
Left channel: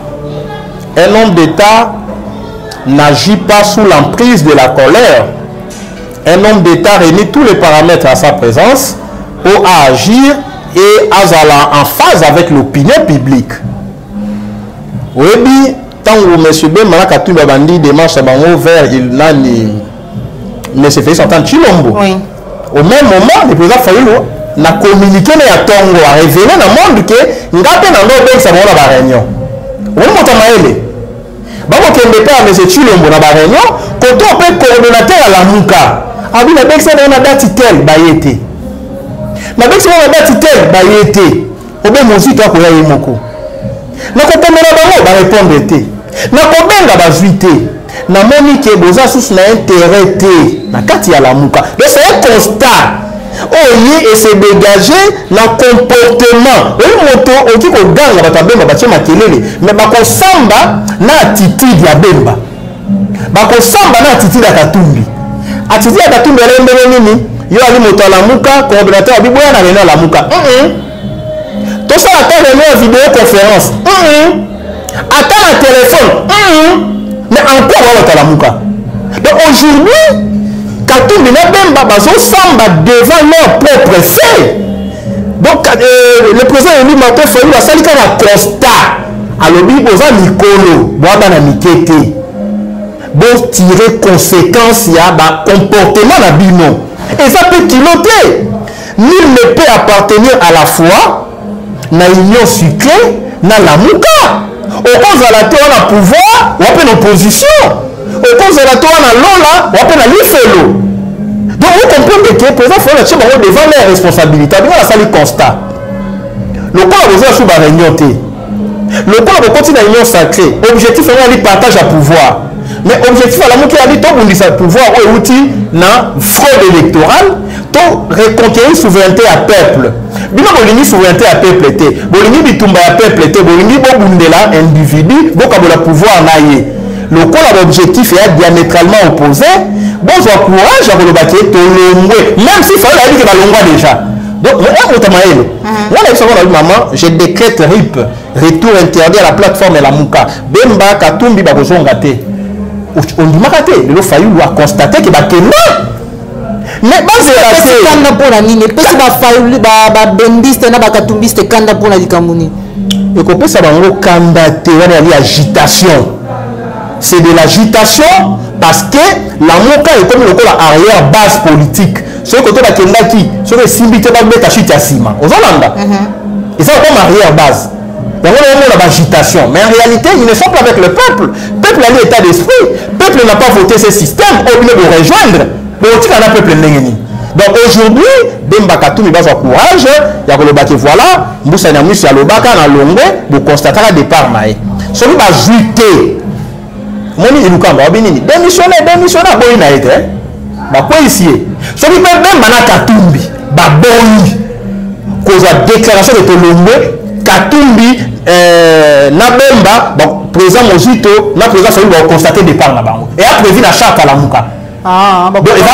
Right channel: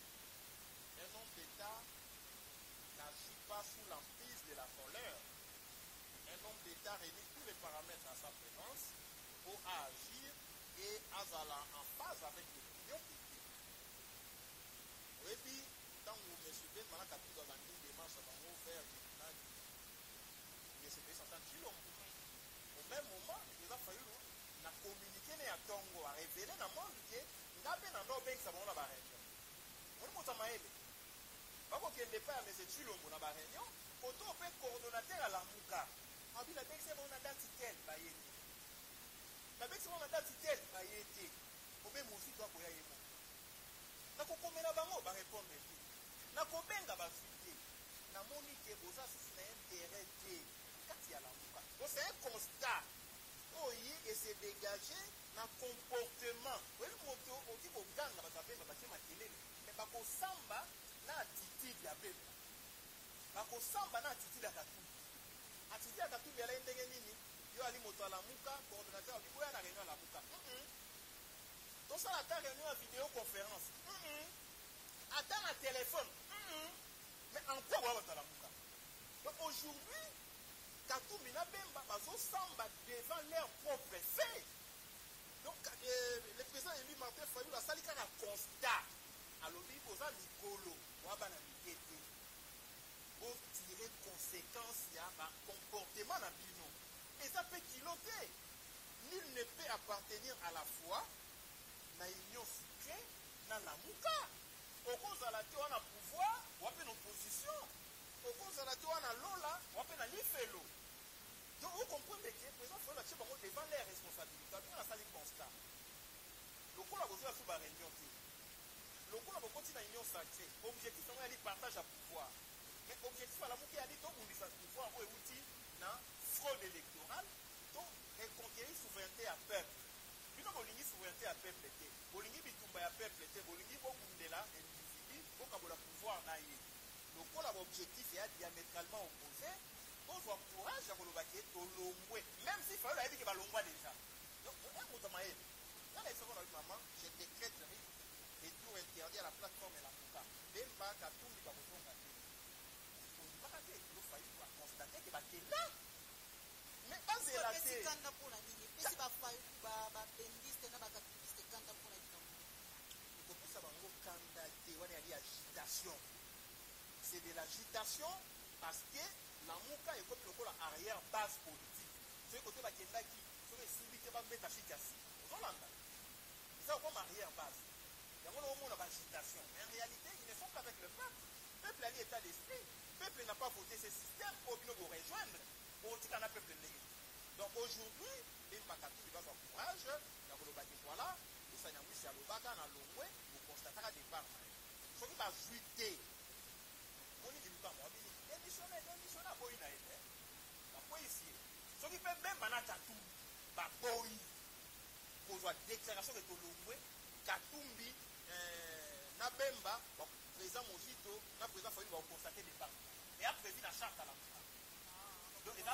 Un homme d'État n'agit pas sous l'emprise de la colère. Un homme d'État réunit tous les paramètres à sa présence pour agir et en phase avec l'opinion publique. Oui, tant que M. Ben Malakatou Babandi démarche à Bango vers il n'a ni M. Félix Antoine Chilombo. Oui. Au même moment, le président Fayulu n'a communiqué à Tongo, a révélé dans le monde que Ngapé n'a pas ça va la réunion. Oui, mon tamaele. bakokende mpe ya M. Chilombo na baréunion koto mpe coordonnateur ya Lamuka abi nabekisa na date tel baye te nabekisa na date tel baye te obe mozito akoya ye moko nakokomela bango barépondre te nakobenga bazwi te namoni ke boza susu na intérêt te na kati ya Lamuka. Donc c'est un constat oye et se dégager na comportement oye moto oki koganga bato ya bemba batie makelele mais bakosamba na attitude ya bemba bakosamba na attitude ya Katumbi. Attitude ya Katumbi alembele nini yo ali moto ya Lamuka coordinateur ya biboya na réunion ya Lamuka tosala ta réunion ya vidéoconférence ata na téléphone mais encore on va la Lamuka. Donc aujourd'hui Katumbi na Bemba bazo samba devant leur propre fait. Donc le président Eli Martin Fayulu a sali kana constat alobi boza mikolo boaba na mikete bon tirer conséquence ya ba comportement na bino et ça peut piloter. Nul ne peut appartenir à la fois na union sucrée na Lamuka. Au cause de la théorie na pouvoir ou appelle opposition. Au cause de la théorie na lola ou appelle l'ifelo. Donc vous comprenez que le président Fayulu a devant les responsabilités. Il y a un constat. Le corps a besoin de réunion. Le corps a continué à l'union sacrée. Objectif est de partage à pouvoir. Mais objectif à la moitié a dit que pouvoir est outil na fraude électorale, to reconquérir souveraineté à peuple. Bino bolini souveraineté à peuple té. Bolini bitumba à peuple té. Bolini bobundela individu, bokabola pouvoir naie. Le corps a l'objectif est diamétralement opposé. Bon, j'ai courage à vous le battre, même si il fallait dire que va déjà. Donc, maman, je décrète RIP, retour interdit à la plateforme Lamuka. Bemba, Katumbi, Bagozongate. On dit Makate, le Fayulu a constaté que Bakena. Mais basé à la kanda pour la ligne, parce que Fayulu, Bendiste, Nabakatumbiste, Kanda pour la Likamuni. Et qu'on peut savoir candidater à l'agitation. C'est de l'agitation parce que Lamuka est comme le arrière base politique. Ce côté de Kendaki, ce que Simbité va mettre à Chitiasima, aux Hollanda. Et ça comme arrière base. Donc on a l'agitation. Mais en réalité, ils ne sont pas avec le peuple. Le peuple a l'état d'esprit. Le peuple n'a pas voté ce système. Au lieu de rejoindre, le peuple n'est. Donc aujourd'hui, Bemba Katumbi va avoir courage. Il y a le bac voilà. Moussa Nyamus y a le bac à Longwe. Vous constatez le départ. Celui qui va juter. Moni Ilukamba, démissionnaire, boy na été. Bah quoi ici? Celui qui même Mana Katumbi, bah boy. Cause la déclaration de Tolombe, Katumbi, Nabemba, bon président Mozito, na président celui va constater départ na bango. Et a prévu la charte à Lamuka. Ah, bah il va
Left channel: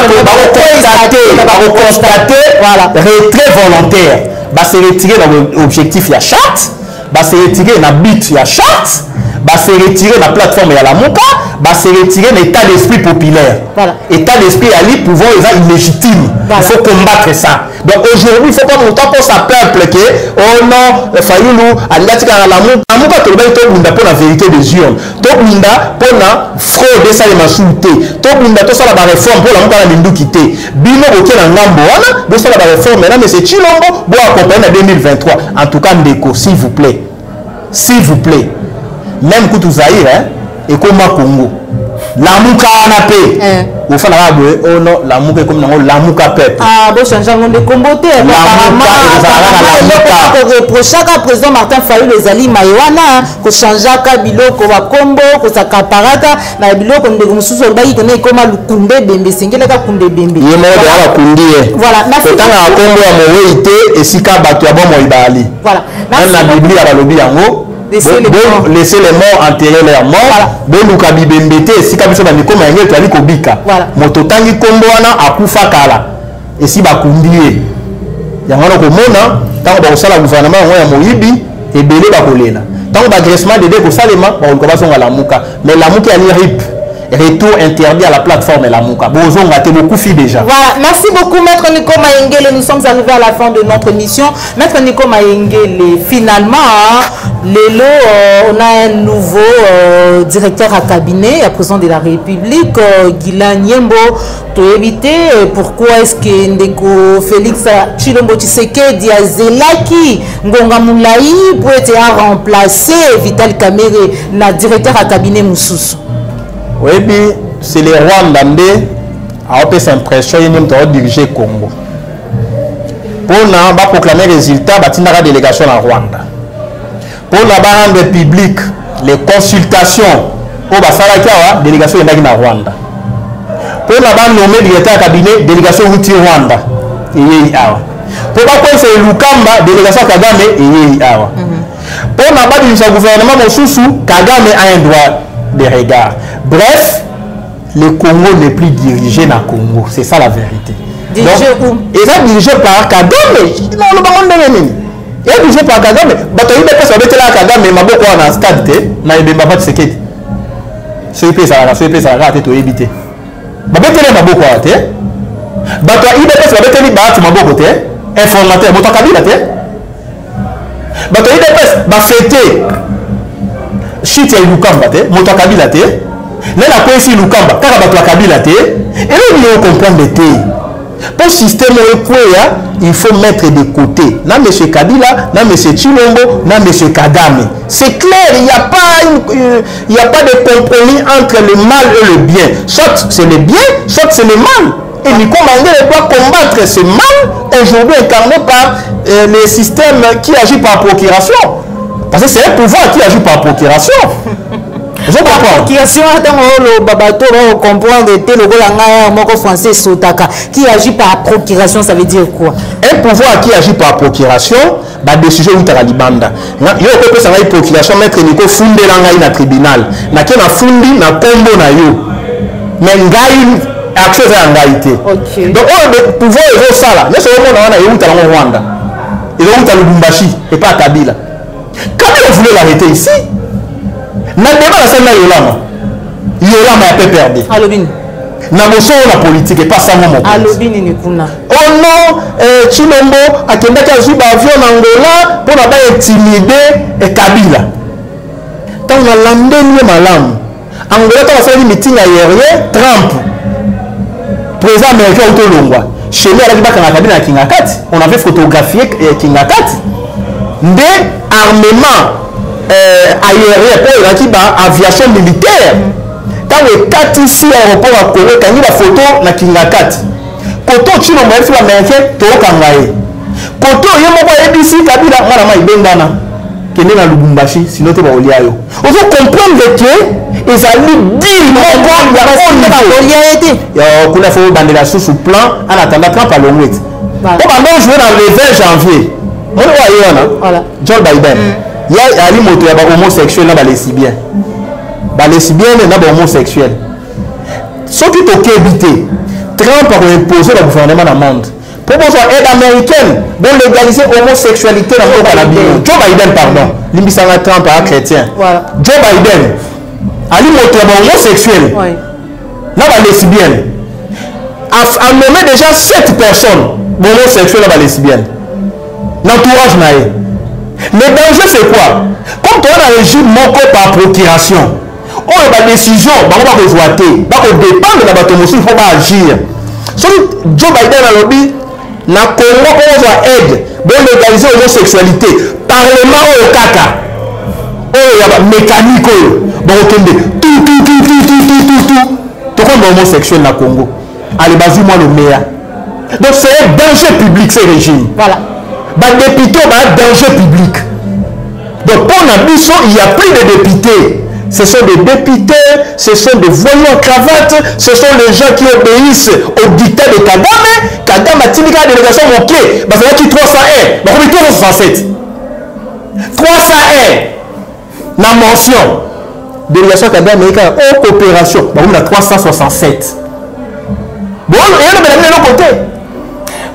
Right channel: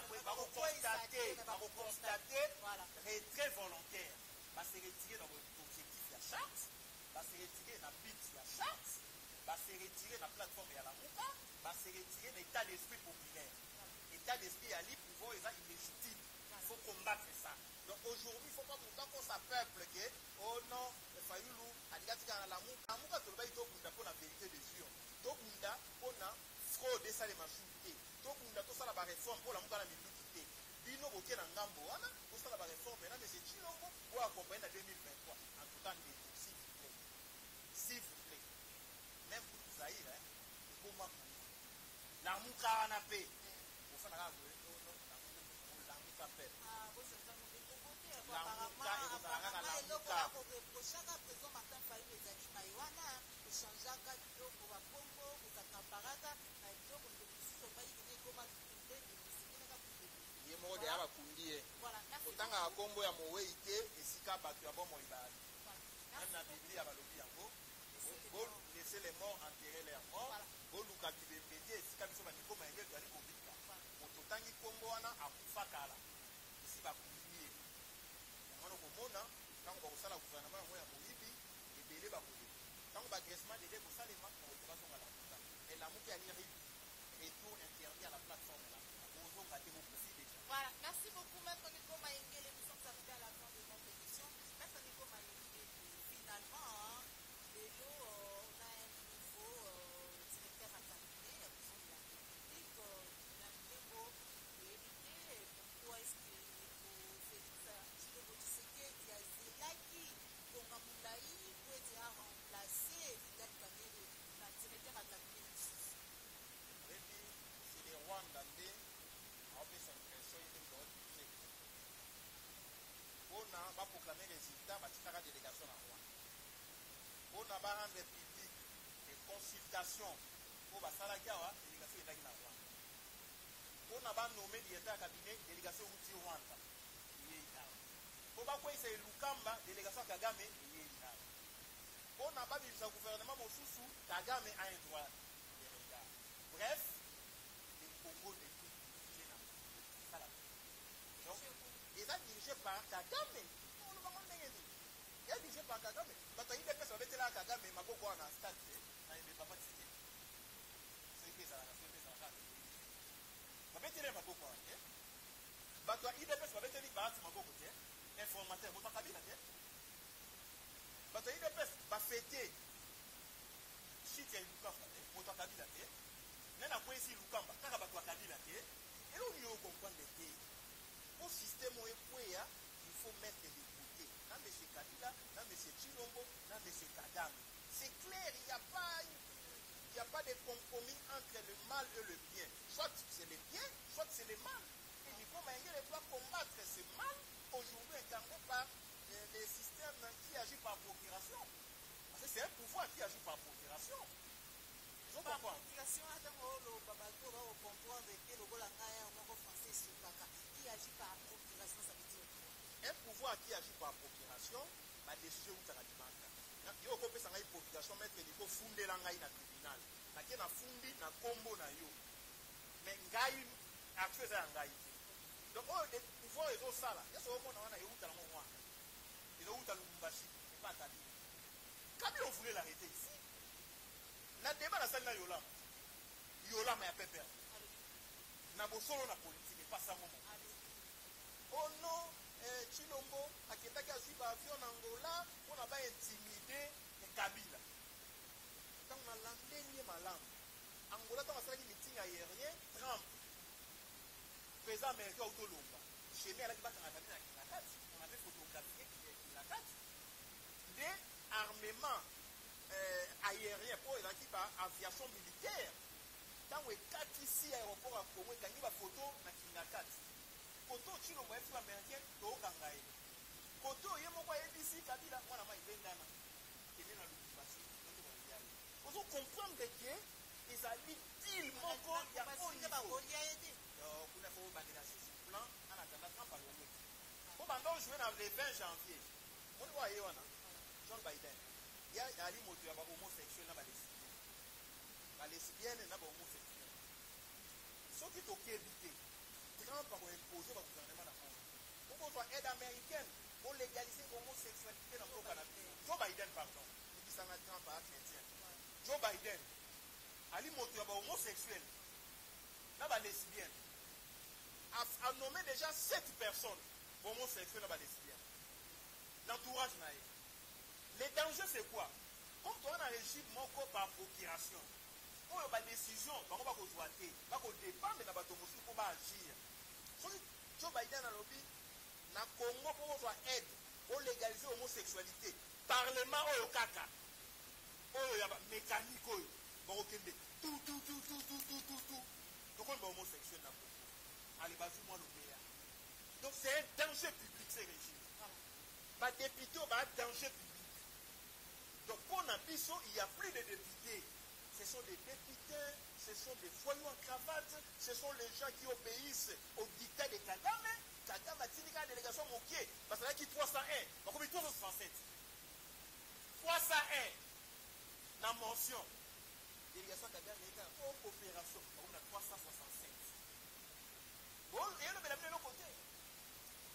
constater, voilà, retrait volontaire. Bah c'est retiré dans l'objectif la charte, bah c'est retiré dans but la charte. Bah c'est retiré la plateforme et à la Mouka, bah c'est retiré l'état d'esprit populaire. Voilà. État d'esprit à lui pouvoir illégitime. Voilà. Il faut combattre ça. Donc aujourd'hui, il faut pas monter pour sa peuple que oh non, Fayulu, Aliatika à la Mouka, tout le monde pour la vérité des urnes. Tout le monde pour la fraude et ça les machouté. Tout le monde pour ça la réforme pour la Mouka la Lindu quitter. Bino ok na ngambo, pour ça la réforme maintenant, mais c'est Chilombo, pour accompagner en 2023. En tout cas, Ndeko, s'il vous plaît. S'il vous plaît. Même Koutou Zahir, hein, et comme Congo. Lamuka Anapé. Vous faites la oh non, Lamuka est comme Lamuka Pep. Ah, bon, changeant de comboté. Chaque président Martin Fayulu les alliés Maïwana, que changeant Kabilo, qu'on va combo, que ça caparata, na bilo qu'on de sous le bail, qu'on est comme le Koundé Bembe, single la Koundé Bembe. Il est mort de la Koundé. Voilà, quand on a combo à Moïté et si Kabatou a bon Moïbali. Voilà. Même la Bible à la lobby en haut. Laissez les morts enterrer leurs morts. Bon, nous kabi bembete. Si kabi so bani koma yel tali kobika. Mototangi kombo wana akufa kala. Et si bakundie. Yangono ko mona, tango ba osala gouvernement ya moyibi et belé ba kolela. Tango ba graissement de ko salema ba ko ba songa Lamuka. Mais Lamuka ali rip. retour interdit à la plateforme Lamuka. Bozon a été beaucoup fait déjà. Voilà, merci beaucoup Maître Nico Mayengele. Nous sommes arrivés à la fin de notre émission. Maître Nico Mayengele, finalement, on a un nouveau directeur à cabinet, à président de la République, Guilain Nyembo. Pour éviter pourquoi est-ce que Ndeko Félix Tshilombo Tshisekedi a zelaki Ngonga Moulayi pour être remplacé Vital Kamerhe, na directeur à cabinet Moussous. Oui, c'est les Rwandais qui ont cette impression de diriger le Congo. Pour proclamer les résultats, il y a une délégation en Rwanda. Pour rendre public les consultations, il y a une délégation en Rwanda. Pour nommer directeur de cabinet, délégation Huti Rwanda. Pour c'est Lukamba, délégation Kagame, pour le gouvernement Moussou, Kagame a un droit de regard. Bref, le Congo n'est plus dirigé dans le Congo. C'est ça la vérité. Dirigé où? Il est dirigé par Kagame. Non, le baron de Rémi. Il est dirigé par Kagame. Il y a des personnes qui ont Kagame, mais il y a un stade. Il y a des personnes qui ont été. Ceux qui ont été éviter. Il y a des personnes qui ont été. Il y a des personnes qui ont été. Informateur. Il y a des personnes qui ont été. Fêté shit ya Lukamba te moto Kabila te na la kwesi Lukamba kaka bato Kabila te et là il faut comprendre te pour système ekoya il faut mettre de côté na monsieur Kabila na monsieur Tshilombo na monsieur Kagame c'est clair il y a pas de compromis entre le mal et le bien soit c'est le bien soit c'est le mal et Nico Mayengele doit combattre ce mal aujourd'hui incarné par les systèmes qui agissent par procuration. Parce que c'est un pouvoir qui agit par procuration. Je comprends. Par procuration, le babato va comprendre le français Sotaka. Qui agit par procuration, ça veut dire quoi? Un pouvoir qui agit par procuration, bah des sujets où tu as la libanda. Il y a une procuration, mettre Nico Funde dans le tribunal. Na qui na fundi na combo na yo. Mais ngai action à ngalité. Donc le pouvoir est ça là. Mais c'est au monde on a eu au Rwanda. Et donc à Lubumbashi et pas à Kabila. Kabila voulait l'arrêter ici. Na débat la scène Yolama. Yolama a peu perdu. Alobin. Na moso la politique et pas ça mon. Alobin ni kuna. Oh non, Tshilombo a kenda ka zuba avion en Angola pour la ba intimider Kabila. Tant on a landé ni malam. Angola ta fait meeting aérien Trump. Président américain Otolongwa. Chez nous, on avait photographié Kingakati. Des armements aériens pour l'aviation militaire. Quand on est ici à l'aéroport à Corée, quand il y a la photo na Kingakati. Quand on est américain, to kangaye. Quand on est ABC, Kabila, on a ibengana. Qui est dans Lubumbashi, sinon tu vas au liayo. On veut comprendre que ils allaient dire il faut bander la sous plan en attendant Trump à l'ONU. On va jouer dans le 20 janvier. On voit Joe Biden. Il y a un moto homosexuel dans les lesbiens. Les lesbiens sont homosexuels. Ce qui est évité, Trump a imposé le gouvernement dans le monde. Pour aide américaine, pour légaliser l'homosexualité dans le monde. Joe Biden, pardon. L'immissaire Trump est chrétien. Joe Biden. Ali moto homosexuel. Là les lesbiennes. A nommé déjà 7 personnes homosexuelles dans les lesbiennes. L'entourage naé. Le danger c'est quoi? Comme tu as un régime manqué par procuration. On a des décisions, on va rejoiter, on va dépendre de la bataille, il faut pas agir. Si Joe Biden a lobby, na Congo on va aide pour légaliser l'homosexualité. Parlement au caca. Oh, il y a mécanique. Bon, tout comme homosexuel na Congo. Allez, basez-moi le meilleur. Donc c'est un danger public ce régime. Voilà. Les députés ont un danger public. Donc pour l'ambition, il n'y a plus de députés. Ce sont des députés, ce sont des voyous en cravate, ce sont les gens qui obéissent au dictat de Kagame. Kagame a tiré la délégation manquée. Parce qu'il y a 301. Donc on est 367. 301. La mention. Délégation Kagame américaine en coopération. On a 367. Bon, et on a de l'autre côté.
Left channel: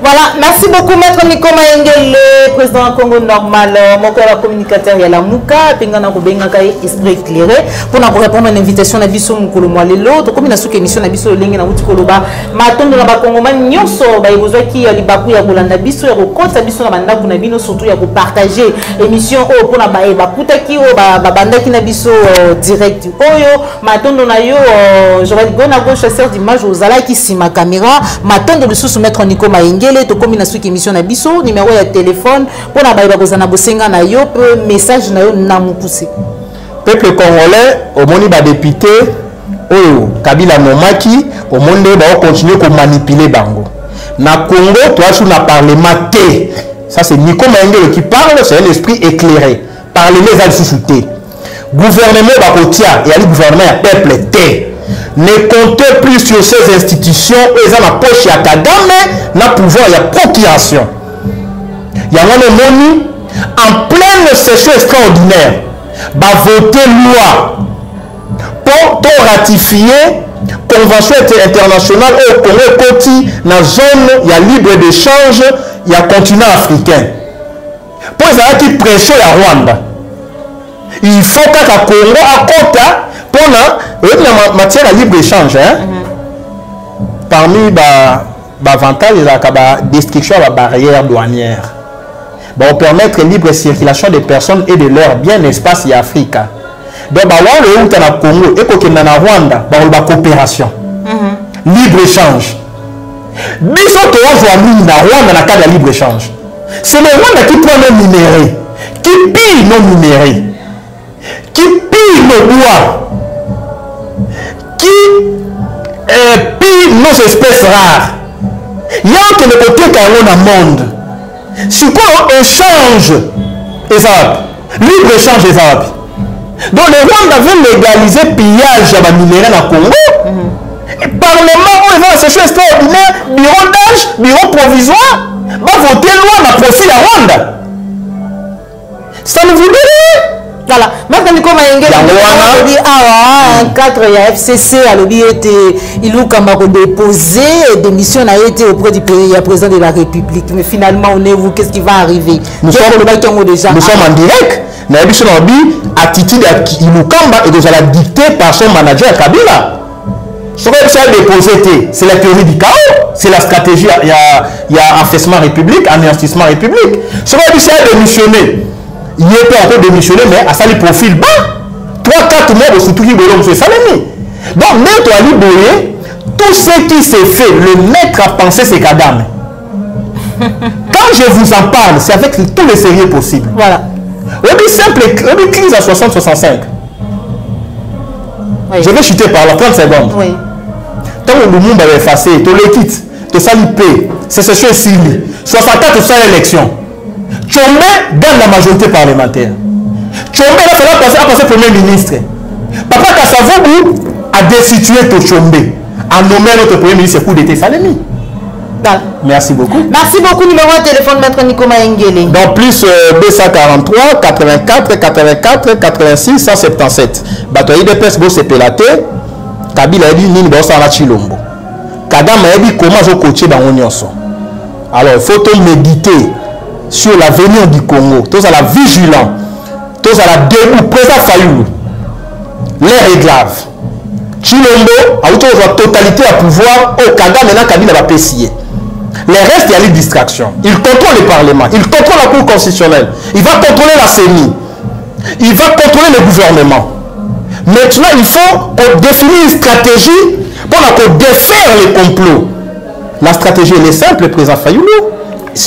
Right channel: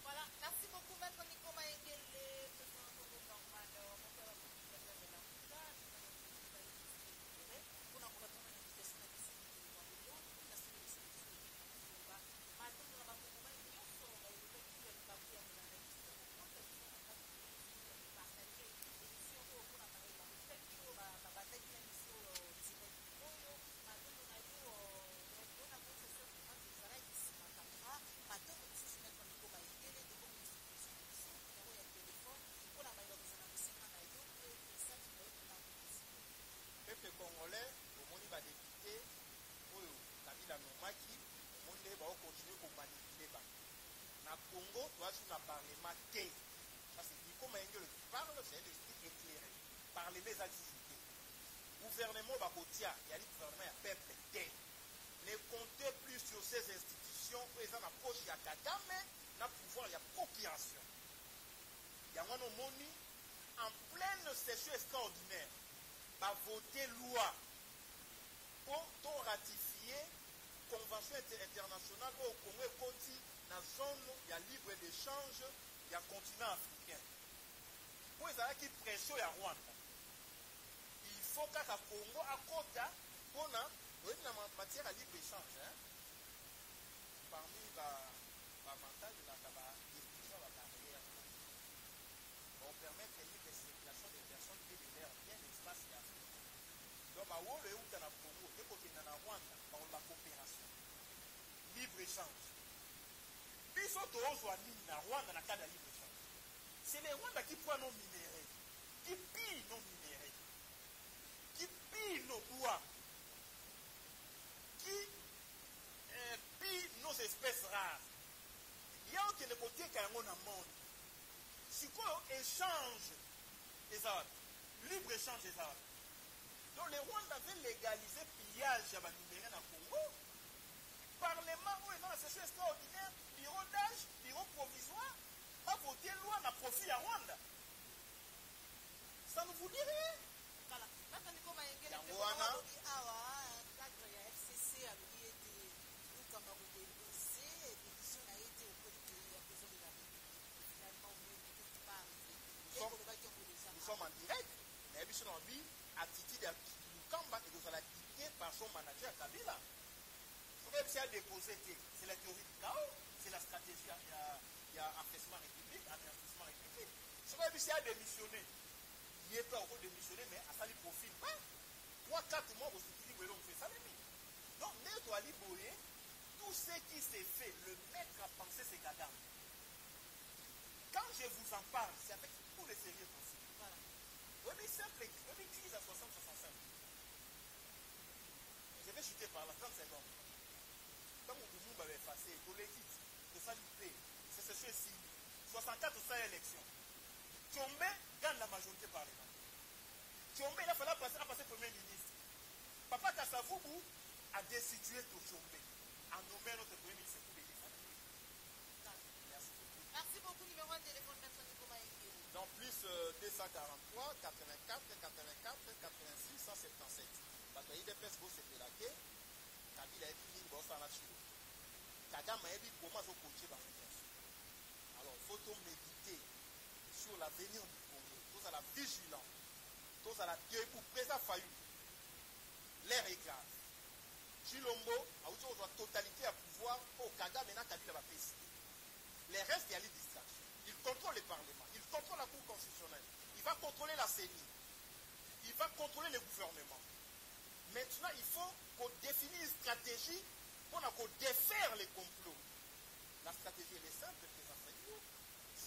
Voilà, merci beaucoup Maître Nico Maengele, président Congo normal, mon communicateur il y a la Mouka, Pengana Kobenga esprit éclairé pour nous répondre à l'invitation d'Abisso Moukolomwa Lelo, donc comme il a sous émission d'Abisso Lengue na Mutikoloba, Maton de la Congo man nyonso ba besoin qui a libaku ya kolanda biso ya kokota biso na banda kuna bino surtout ya ko partager émission o pour na ba kutaki o ba banda ki na biso direct oyo Maton na yo je vais go na go chasseur d'image aux ala qui si ma caméra Maton de sous Maître Nico Maengele to comme il a sous émission na biso numéro ya téléphone pour na ba kozana bosenga na yo message na yo na mukuse peuple congolais au moni ba député oyo Kabila Momaki au monde va continuer à manipuler bango na Congo toi sur na parlement T ça c'est Nico Maengele qui parle c'est un esprit éclairé parler les al sous-souté gouvernement ba kotia et ali gouvernement ya peuple T ne comptez plus sur ces institutions et ça la poche ya Kagame na pouvoir ya procuration ya wana moni en pleine session extraordinaire va voter loi pour ratifier convention internationale au Congo Koti dans zone il y a libre d'échange il y a continent africain pour ça qui pression à Rwanda il faut que le Congo à Kota pour la matière à libre échange parmi avantages il y a la destruction de la barrière douanière on permettre libre circulation des personnes et de leurs biens l'espace et Afrique. Donc, le Congo et le Rwanda, la coopération. Libre échange. Biso to ozwa na Rwanda na cadre de libre échange. C'est le Rwanda qui prend nos minéraux, qui pille nos minéraux, qui pille nos bois, qui pille nos espèces rares. Il y a que le côté qu'on a monde. Si quoi échange et ça, libre échange et ça. Donc le Rwanda veut légaliser le pillage de minéraux dans le Congo. Parlement, on va session extraordinaire, bureau d'âge, bureau provisoire, va voter loi dans le profil à Rwanda. Ça ne vous dit rien. Voilà. Maintenant, Nico Maengele, il dit ah, un cadre il y a FCC à l'obéité, il a déposé démission a été auprès du président de la République. Mais finalement, on est où? Qu'est-ce qui va arriver? Nous sommes en direct. Attitude à Ilukamba et nous allons dicter par son manager Kabila. Ce que ça a déposé, c'est la théorie du chaos, c'est la stratégie, il y a affaissement république, anéantissement république. Ce que ça a démissionné. Il n'est pas encore démissionné, mais à ça, il profile bas. 3-4 mois de surtout qui veut M. Salemi. Donc, Maître Ali Boye, tout ce qui s'est fait, le maître a pensé c'est Kagame. Quand je vous en parle, c'est avec tous les sérieux possibles. Voilà. On simple, on crise à 60-65. Oui. Je vais chuter par là, 30 secondes. Oui. Tant que le monde va effacer, tu le quittes, tu sali paix, c'est ce que c'est 64 sur l'élection. Tchombe gagne la majorité parlementaire. Tchombe a passé Premier ministre. Papa Kassavoubou a destitué Tchombe en nommant notre Premier ministre coup d'état Salemi. Merci beaucoup. Merci beaucoup. Numéro de téléphone, Maître Nico Maengele. Donc plus B143 84 84 86 177. Batoyi de presse go sepelate. Kabila a dit nini bossa na Chilombo. Kagame a dit comment je coacher dans l'Onyonso. Alors il faut méditer sur l'avenir du Congo. Tous à la vigilance. Tous à la debout. Président Fayou. L'air est grave. Chilombo a eu la totalité à pouvoir au Kagame maintenant Kabila va pessier. Les restes, il y a les distractions. Il contrôle le Parlement. Il contrôle la Cour constitutionnelle. Il va contrôler la CENI. Il va contrôler le gouvernement. Maintenant, il faut définir une stratégie pour défaire les complots. La stratégie, elle est simple, président Fayoulou.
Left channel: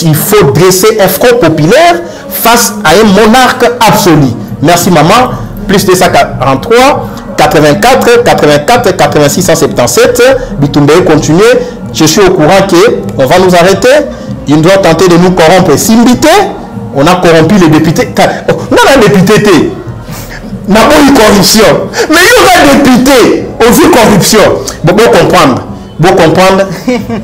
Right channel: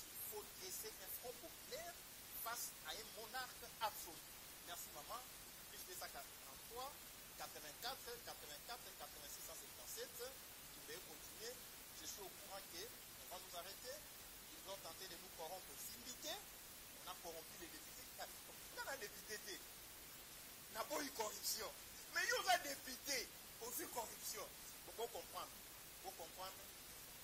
Il faut dresser un front populaire face à un monarque absolu. Merci, maman. Plus de 143, 84, 84, 86, 177. Bitumbe continuer. Je suis au courant qu'on va nous arrêter. Il doit tenter de nous corrompre. Simbité, on a corrompu les députés. On a un député. On n'a pas eu corruption. Mais il y a un député, on vu corruption. Bon, comprendre. Bon comprendre.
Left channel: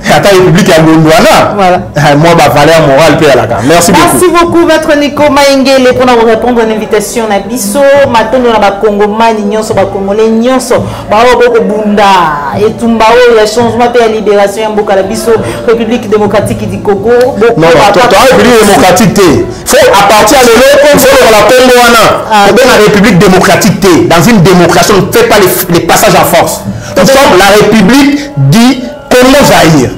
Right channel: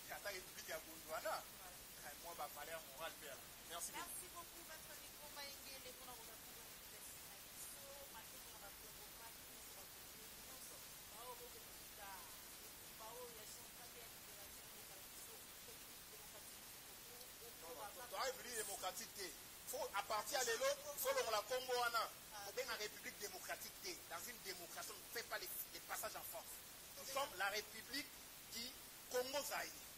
Attends, République à Gondwana. Voilà. Moi, ma valeur morale, puis à la gare. Merci beaucoup. Merci beaucoup, Maître Nico Maengele, pour nous répondre à l'invitation à Bisso. Maintenant, on a Congomani, Nyonso, Congolais, Nyonso, Bao Bunda, et Tumbao, il y a changement de la libération, Mboka la Bisso, République démocratique du Congo. Non, toi, République démocratique, il faut à partir de là, il faut la Congo, la République démocratique, dans une démocratie, on ne fait pas les passages en force. Nous sommes la République du Congo-Zaïre.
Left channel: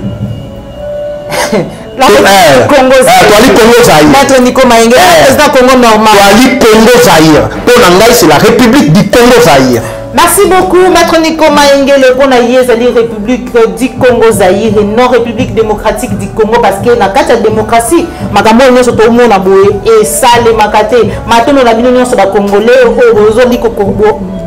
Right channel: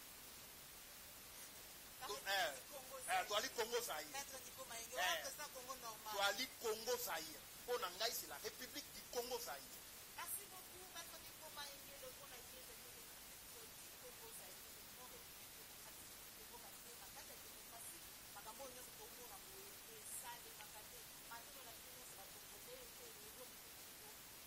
Congo-Zaïre. Maître Nico Maengele, président Congo normal. Congo-Zaïre. Pour Nangaï, c'est la République du Congo-Zaïre. Merci beaucoup, Maître Nico Maengele, pour la République du Congo-Zaïre et non République démocratique du Congo, parce que dans la démocratie, Magambo est tout le monde et ça, les Makate, maintenant, on a vu sur les Congolais,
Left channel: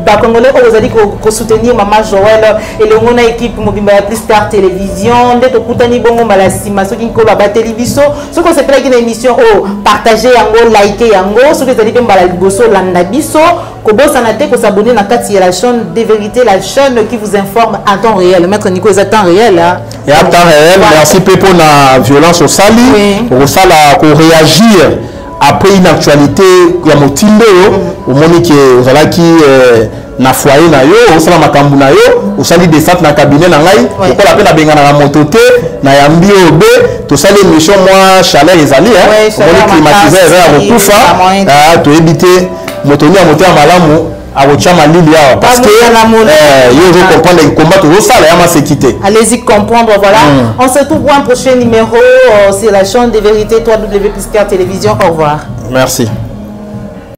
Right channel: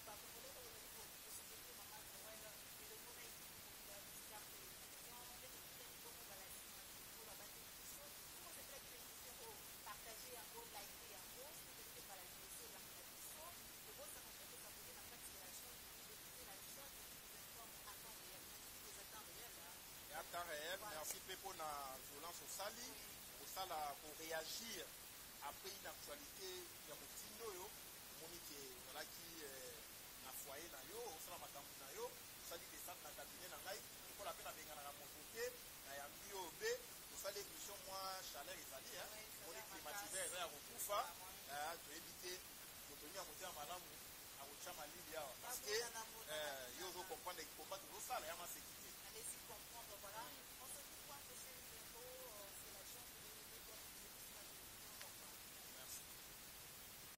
les Congolais, vous avez dit soutenir Maman Joël et le monde équipe mobile plus tard télévision, d'être Koutani Bongo Malasima, ceux qui ont la télévision, ceux qui ont fait une émission, partager, liker, ceux qui ont dit Balaboso, Landabiso, Kobo Sanate, ko s'abonner à la chaîne des vérités, la chaîne qui vous informe en temps réel. Maître Nico, c'est temps réel. Et en temps réel, merci pour la violence au Sali, pour ça, pour réagir. Après une actualité, il y a Motindo, au Monique, vous allez qui na foyer na yo, au sala makambu na yo, au sali descente na cabinet na ngai, pour la peine à benga na mototé, na yambi obe, tout ça les missions moi chaleur les alliés, hein, on climatisé vers au kufa, to éviter motoni à monter à malamu. Parce que je comprends les combats toujours ça la sécurité. Allez-y comprendre, voilà. On se retrouve pour un prochain numéro sur la chaîne des vérités www.télévision. Au revoir. Merci.